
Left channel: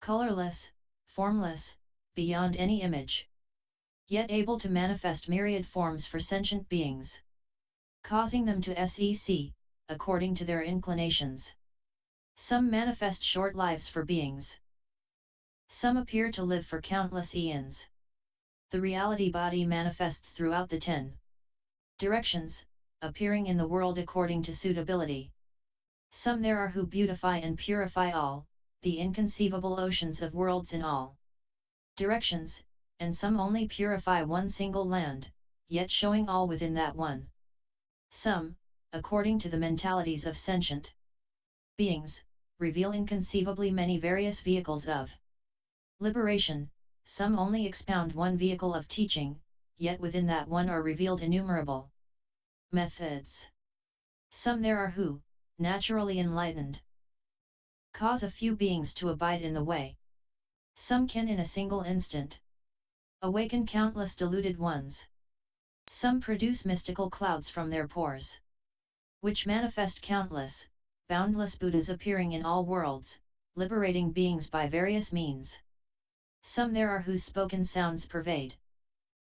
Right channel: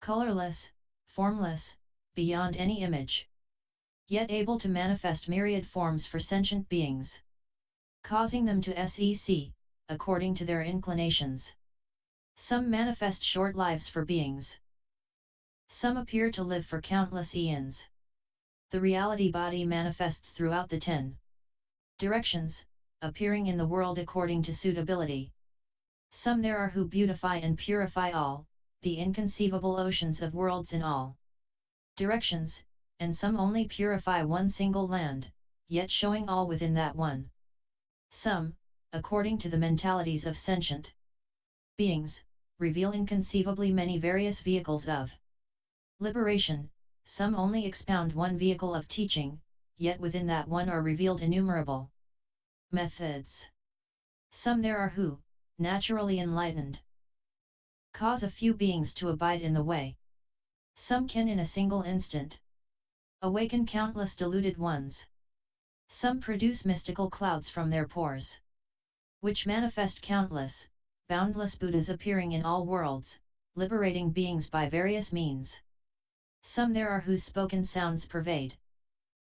colorless, formless, beyond any image, yet able to manifest myriad forms for sentient beings, causing them to sec, according to their inclinations. Some manifest short lives for beings. Some appear to live for countless eons. The reality body manifests throughout the 10 directions, appearing in the world according to suitability. Some there are who beautify and purify all, the inconceivable oceans of worlds in all directions, and some only purify one single land, yet showing all within that one. Some, according to the mentalities of sentient beings, reveal inconceivably many various vehicles of liberation. Some only expound one vehicle of teaching, yet within that one are revealed innumerable methods. Some there are who, naturally enlightened, cause a few beings to abide in the way. Some can in a single instant awaken countless deluded ones. Some produce mystical clouds from their pores, which manifest countless, boundless Buddhas appearing in all worlds, liberating beings by various means. Some there are whose spoken sounds pervade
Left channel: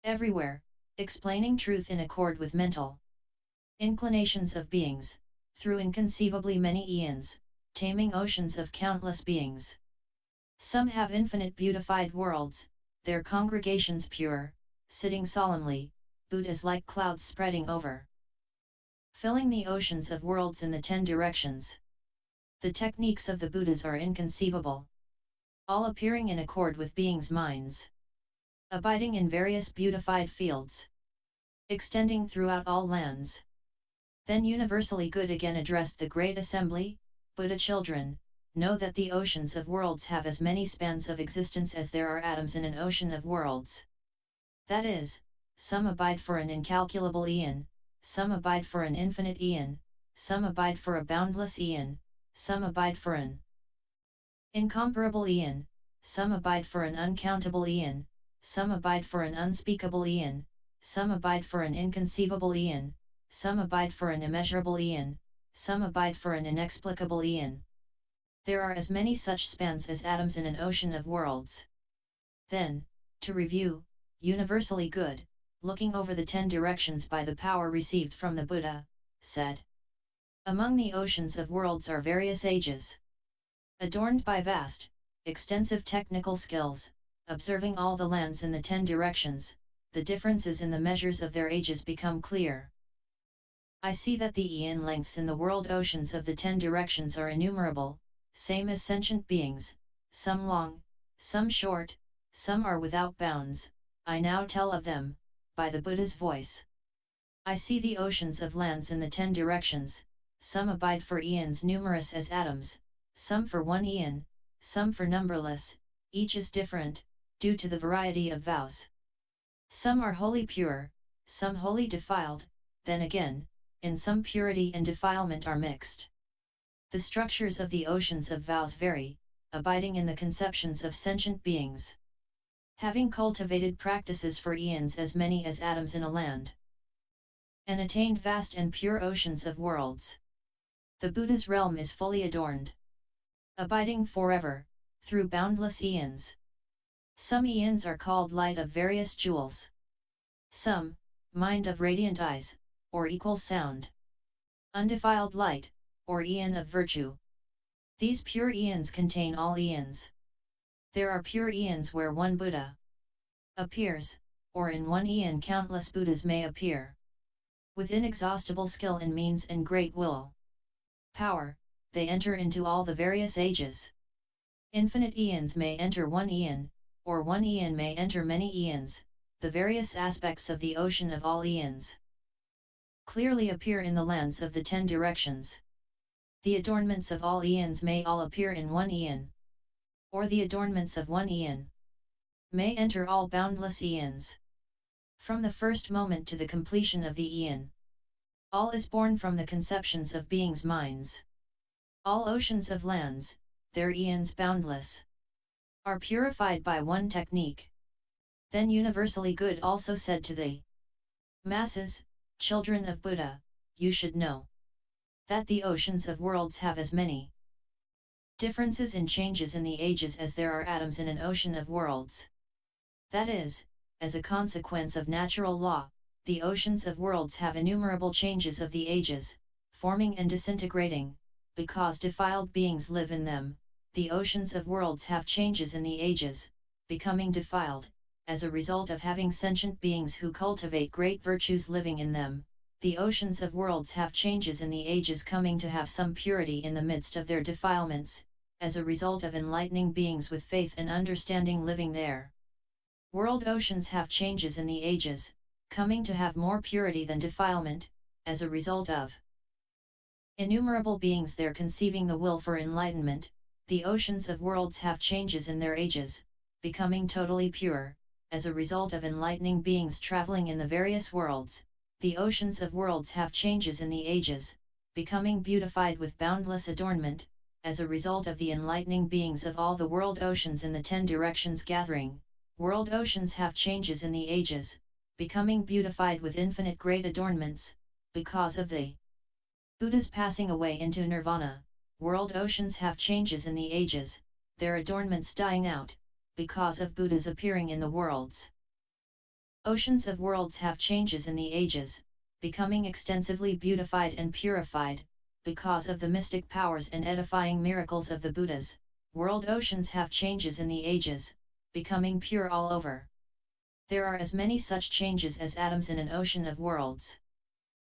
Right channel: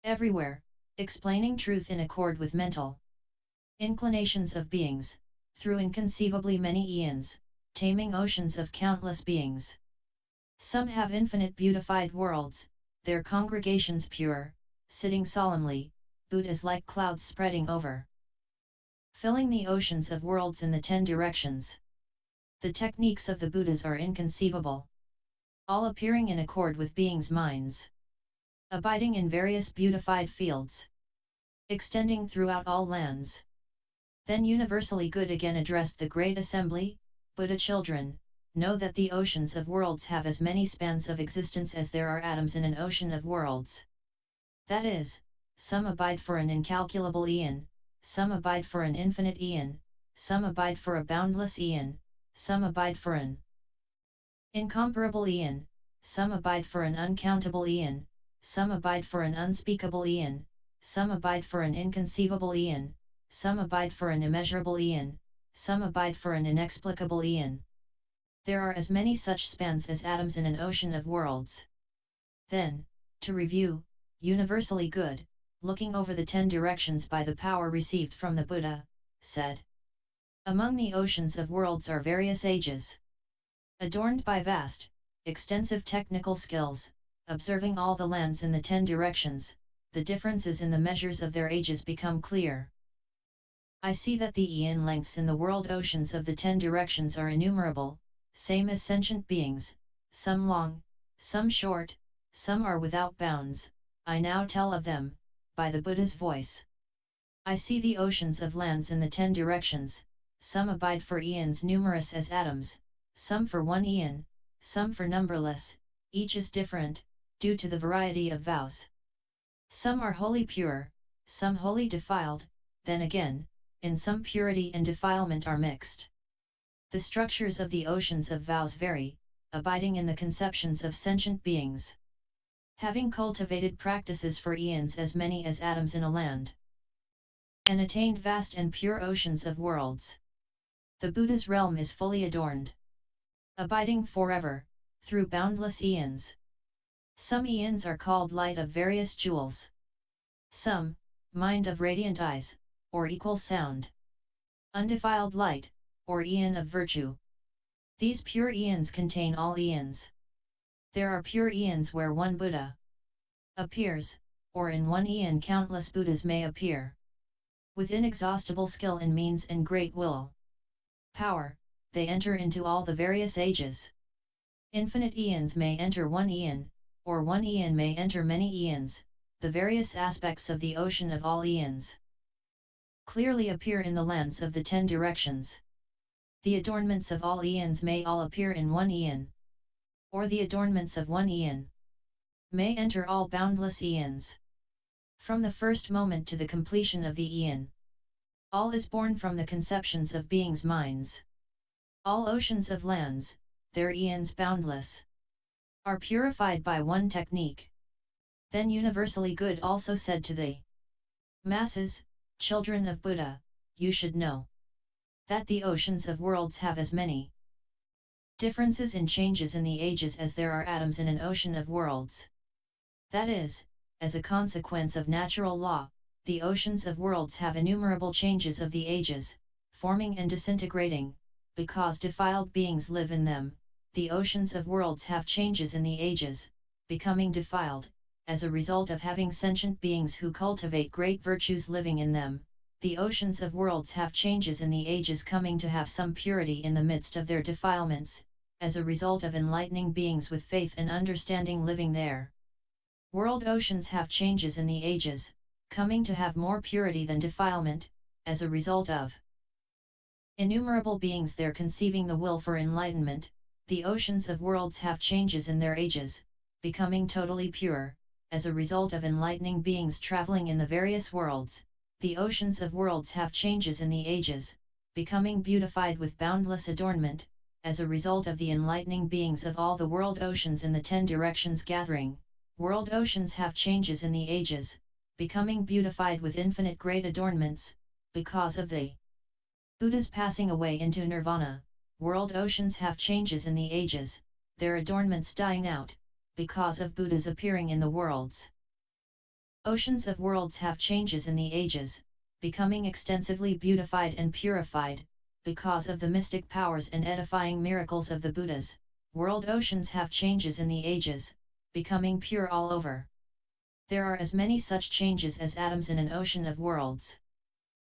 everywhere, explaining truth in accord with mental inclinations of beings, through inconceivably many eons, taming oceans of countless beings. Some have infinite beautified worlds, their congregations pure, sitting solemnly, Buddhas like clouds spreading over, filling the oceans of worlds in the 10 directions. The techniques of the Buddhas are inconceivable, all appearing in accord with beings' minds, abiding in various beautified fields, extending throughout all lands. Then universally good again addressed the great assembly, Buddha children, know that the oceans of worlds have as many spans of existence as there are atoms in an ocean of worlds. That is, some abide for an incalculable eon, some abide for an infinite eon, some abide for a boundless eon, some abide for an incomparable eon, some abide for an uncountable eon, some abide for an unspeakable eon, some abide for an inconceivable eon, some abide for an immeasurable eon, some abide for an inexplicable eon. There are as many such spans as atoms in an ocean of worlds. Then, to review, universally good, looking over the 10 directions by the power received from the Buddha, said, among the oceans of worlds are various ages, adorned by vast, extensive technical skills, observing all the lands in the 10 directions, the differences in the measures of their ages become clear. I see that the eon lengths in the world oceans of the 10 directions are innumerable, same as sentient beings, some long, some short, some are without bounds. I now tell of them, by the Buddha's voice. I see the oceans of lands in the 10 directions, some abide for eons numerous as atoms, some for one eon, some for numberless, each is different, due to the variety of vows. Some are wholly pure, some wholly defiled, then again, in some purity and defilement are mixed. The structures of the oceans of vows vary, abiding in the conceptions of sentient beings, having cultivated practices for eons as many as atoms in a land, and attained vast and pure oceans of worlds. The Buddha's realm is fully adorned, abiding forever, through boundless eons. Some eons are called light of various jewels. Some, mind of radiant eyes, or equal sound. Undefiled light, or eon of virtue. These pure eons contain all eons. There are pure eons where one Buddha appears, or in one eon countless Buddhas may appear. With inexhaustible skill and means and great will power, they enter into all the various ages. Infinite eons may enter one eon, or one eon may enter many eons. The various aspects of the ocean of all eons clearly appear in the lands of the 10 directions. The adornments of all eons may all appear in one eon, or the adornments of one eon may enter all boundless eons. From the first moment to the completion of the eon, all is born from the conceptions of beings' minds. All oceans of lands, their eons boundless. are purified by one technique. Then universally good also said to the masses, children of Buddha, you should know that the oceans of worlds have as many differences in changes in the ages as there are atoms in an ocean of worlds. That is, as a consequence of natural law, the oceans of worlds have innumerable changes of the ages, forming and disintegrating, because defiled beings live in them. The oceans of worlds have changes in the ages, becoming defiled, as a result of having sentient beings who cultivate great virtues living in them. The oceans of worlds have changes in the ages, coming to have some purity in the midst of their defilements, as a result of enlightening beings with faith and understanding living there. World oceans have changes in the ages, coming to have more purity than defilement, as a result of innumerable beings there conceiving the will for enlightenment. The oceans of worlds have changes in their ages, becoming totally pure, as a result of enlightening beings traveling in the various worlds. The oceans of worlds have changes in the ages, becoming beautified with boundless adornment, as a result of the enlightening beings of all the world oceans in the 10 directions gathering. World oceans have changes in the ages, becoming beautified with infinite great adornments, because of the Buddhas passing away into nirvana. World oceans have changes in the ages, their adornments dying out, because of Buddhas appearing in the worlds. Oceans of worlds have changes in the ages, becoming extensively beautified and purified, because of the mystic powers and edifying miracles of the Buddhas. World oceans have changes in the ages, becoming pure all over. There are as many such changes as atoms in an ocean of worlds.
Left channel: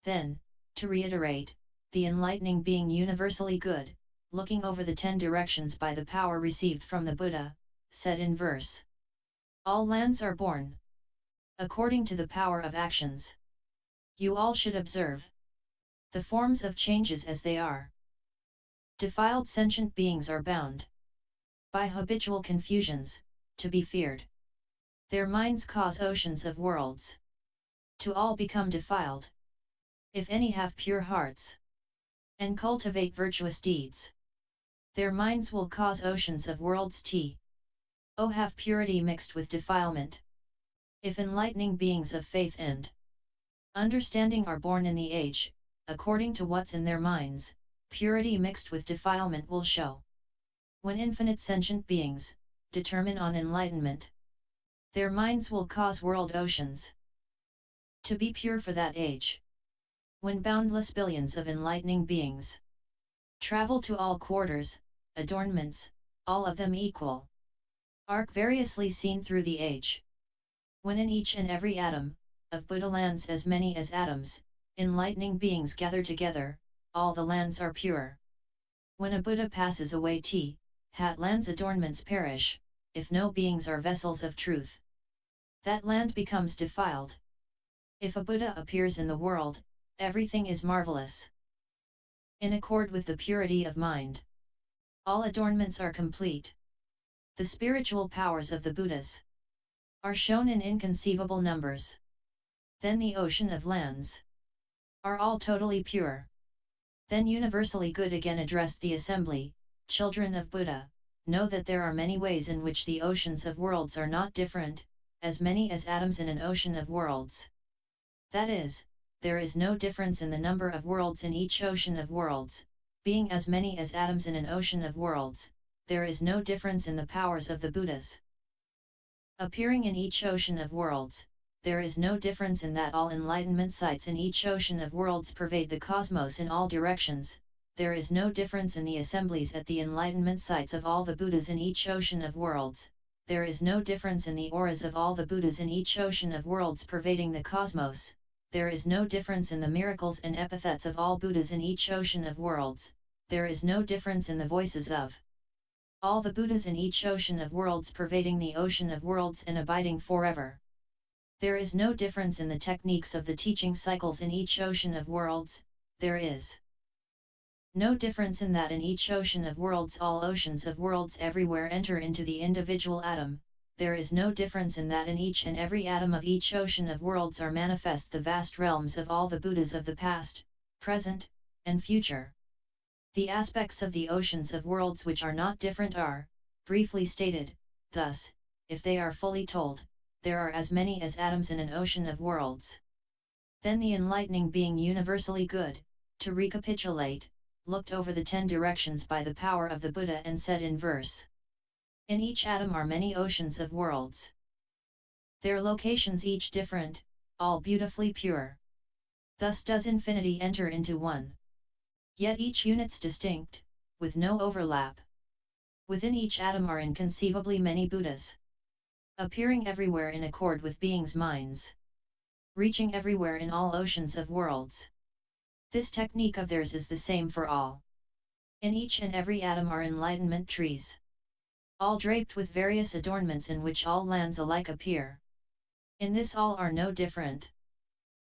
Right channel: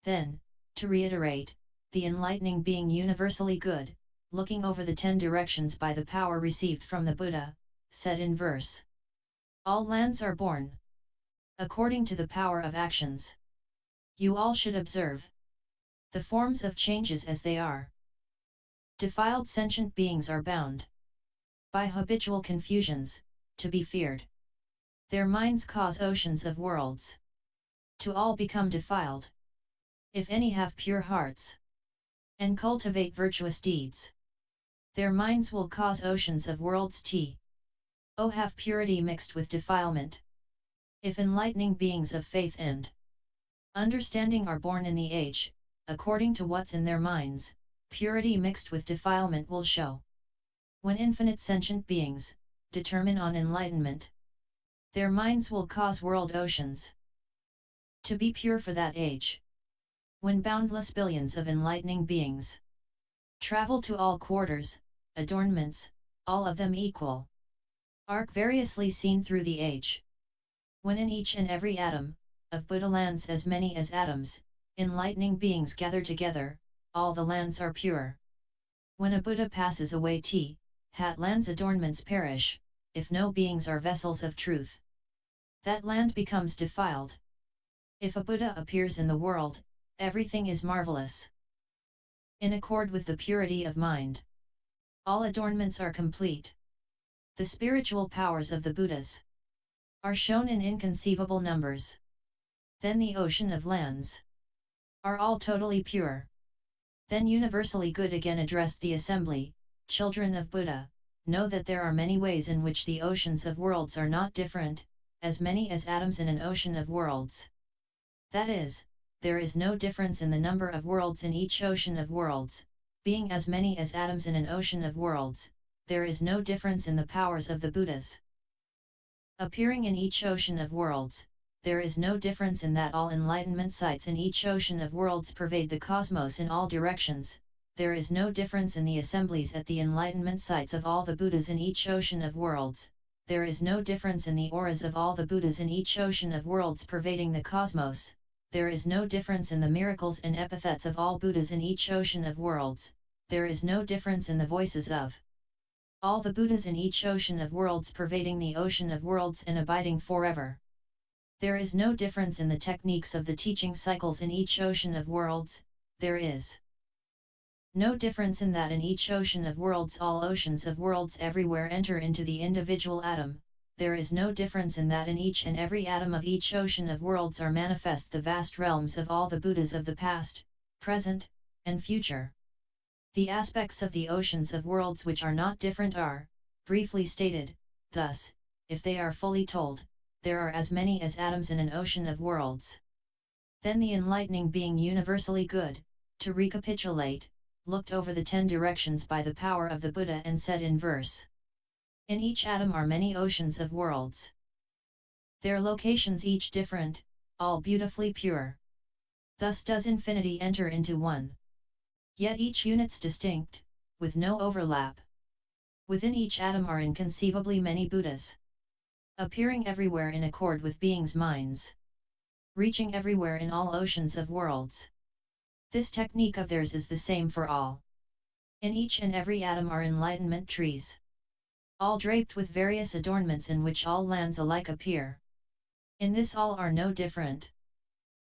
Then, to reiterate, the enlightening being universally good, looking over the 10 directions by the power received from the Buddha, said in verse: all lands are born according to the power of actions. You all should observe the forms of changes as they are. Defiled sentient beings are bound by habitual confusions, to be feared. Their minds cause oceans of worlds to all become defiled. If any have pure hearts and cultivate virtuous deeds, their minds will cause oceans of worlds to have purity mixed with defilement. If enlightening beings of faith and understanding are born in the age, according to what's in their minds, purity mixed with defilement will show. When infinite sentient beings determine on enlightenment, their minds will cause world oceans to be pure for that age. When boundless billions of enlightening beings travel to all quarters, adornments, all of them equal, are variously seen through the age. When in each and every atom of Buddha lands as many as atoms, enlightening beings gather together, all the lands are pure. When a Buddha passes away, hat land's adornments perish. If no beings are vessels of truth, that land becomes defiled. If a Buddha appears in the world, everything is marvelous, in accord with the purity of mind. All adornments are complete. The spiritual powers of the Buddhas are shown in inconceivable numbers. Then the ocean of lands are all totally pure. Then universally good again addressed the assembly, children of Buddha, know that there are many ways in which the oceans of worlds are not different, as many as atoms in an ocean of worlds. That is, there is no difference in the number of worlds in each ocean of worlds, being as many as atoms in an ocean of worlds. There is no difference in the powers of the Buddhas appearing in each ocean of worlds. There is no difference in that all enlightenment sites in each ocean of worlds pervade the cosmos in all directions. There is no difference in the assemblies at the enlightenment sites of all the Buddhas in each ocean of worlds. There is no difference in the auras of all the Buddhas in each ocean of worlds pervading the cosmos. There is no difference in the miracles and epithets of all Buddhas in each ocean of worlds. There is no difference in the voices of all the Buddhas in each ocean of worlds pervading the ocean of worlds and abiding forever. There is no difference in the techniques of the teaching cycles in each ocean of worlds. There is no difference in that in each ocean of worlds all oceans of worlds everywhere enter into the individual atom. There is no difference in that in each and every atom of each ocean of worlds are manifest the vast realms of all the Buddhas of the past, present, and future. The aspects of the oceans of worlds which are not different are, briefly stated, Thus, if they are fully told, there are as many as atoms in an ocean of worlds. Then the enlightening being universally good, to recapitulate, looked over the 10 directions by the power of the Buddha and said in verse: in each atom are many oceans of worlds. Their locations each different, all beautifully pure. Thus does infinity enter into one. Yet each unit's distinct, with no overlap. Within each atom are inconceivably many Buddhas, appearing everywhere in accord with beings' minds, reaching everywhere in all oceans of worlds. This technique of theirs is the same for all. In each and every atom are enlightenment trees, all draped with various adornments in which all lands alike appear. In this all are no different.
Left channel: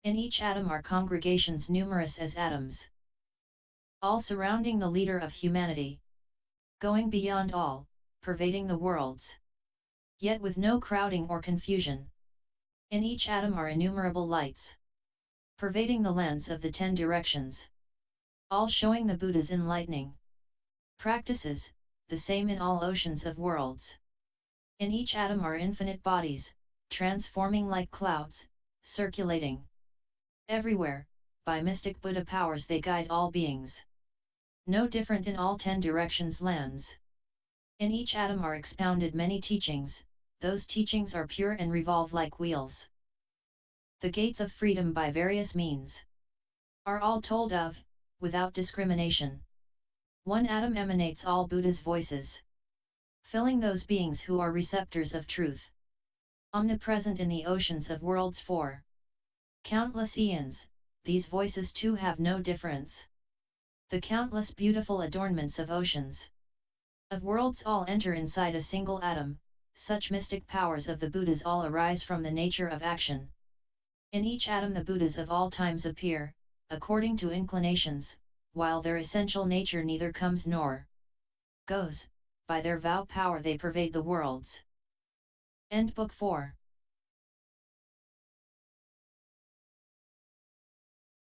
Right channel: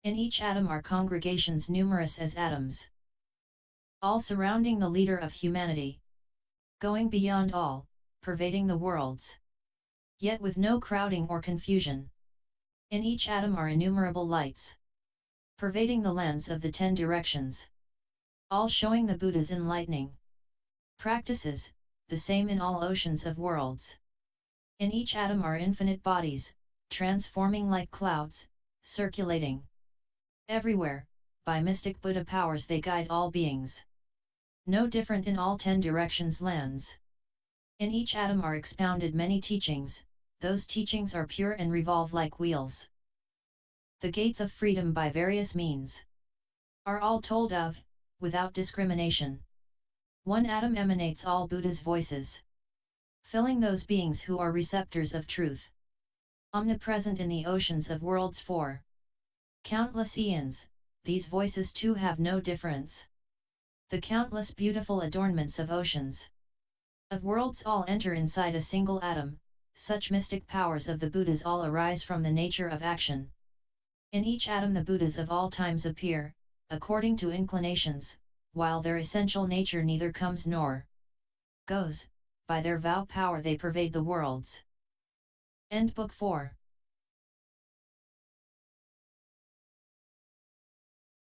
In each atom are congregations numerous as atoms, all surrounding the leader of humanity, going beyond all, pervading the worlds, yet with no crowding or confusion. In each atom are innumerable lights, pervading the lands of the 10 directions, all showing the Buddha's enlightening practices, the same in all oceans of worlds. In each atom are infinite bodies, transforming like clouds, circulating everywhere. By mystic Buddha powers they guide all beings. No different in all 10 directions lands. In each atom are expounded many teachings, those teachings are pure and revolve like wheels. The gates of freedom by various means are all told of, without discrimination. One atom emanates all Buddha's voices, filling those beings who are receptors of truth. Omnipresent in the oceans of worlds for countless eons, these voices too have no difference. The countless beautiful adornments of oceans of worlds all enter inside a single atom. Such mystic powers of the Buddhas all arise from the nature of action. In each atom the Buddhas of all times appear, according to inclinations, while their essential nature neither comes nor goes. By their vow power they pervade the worlds. End Book 4.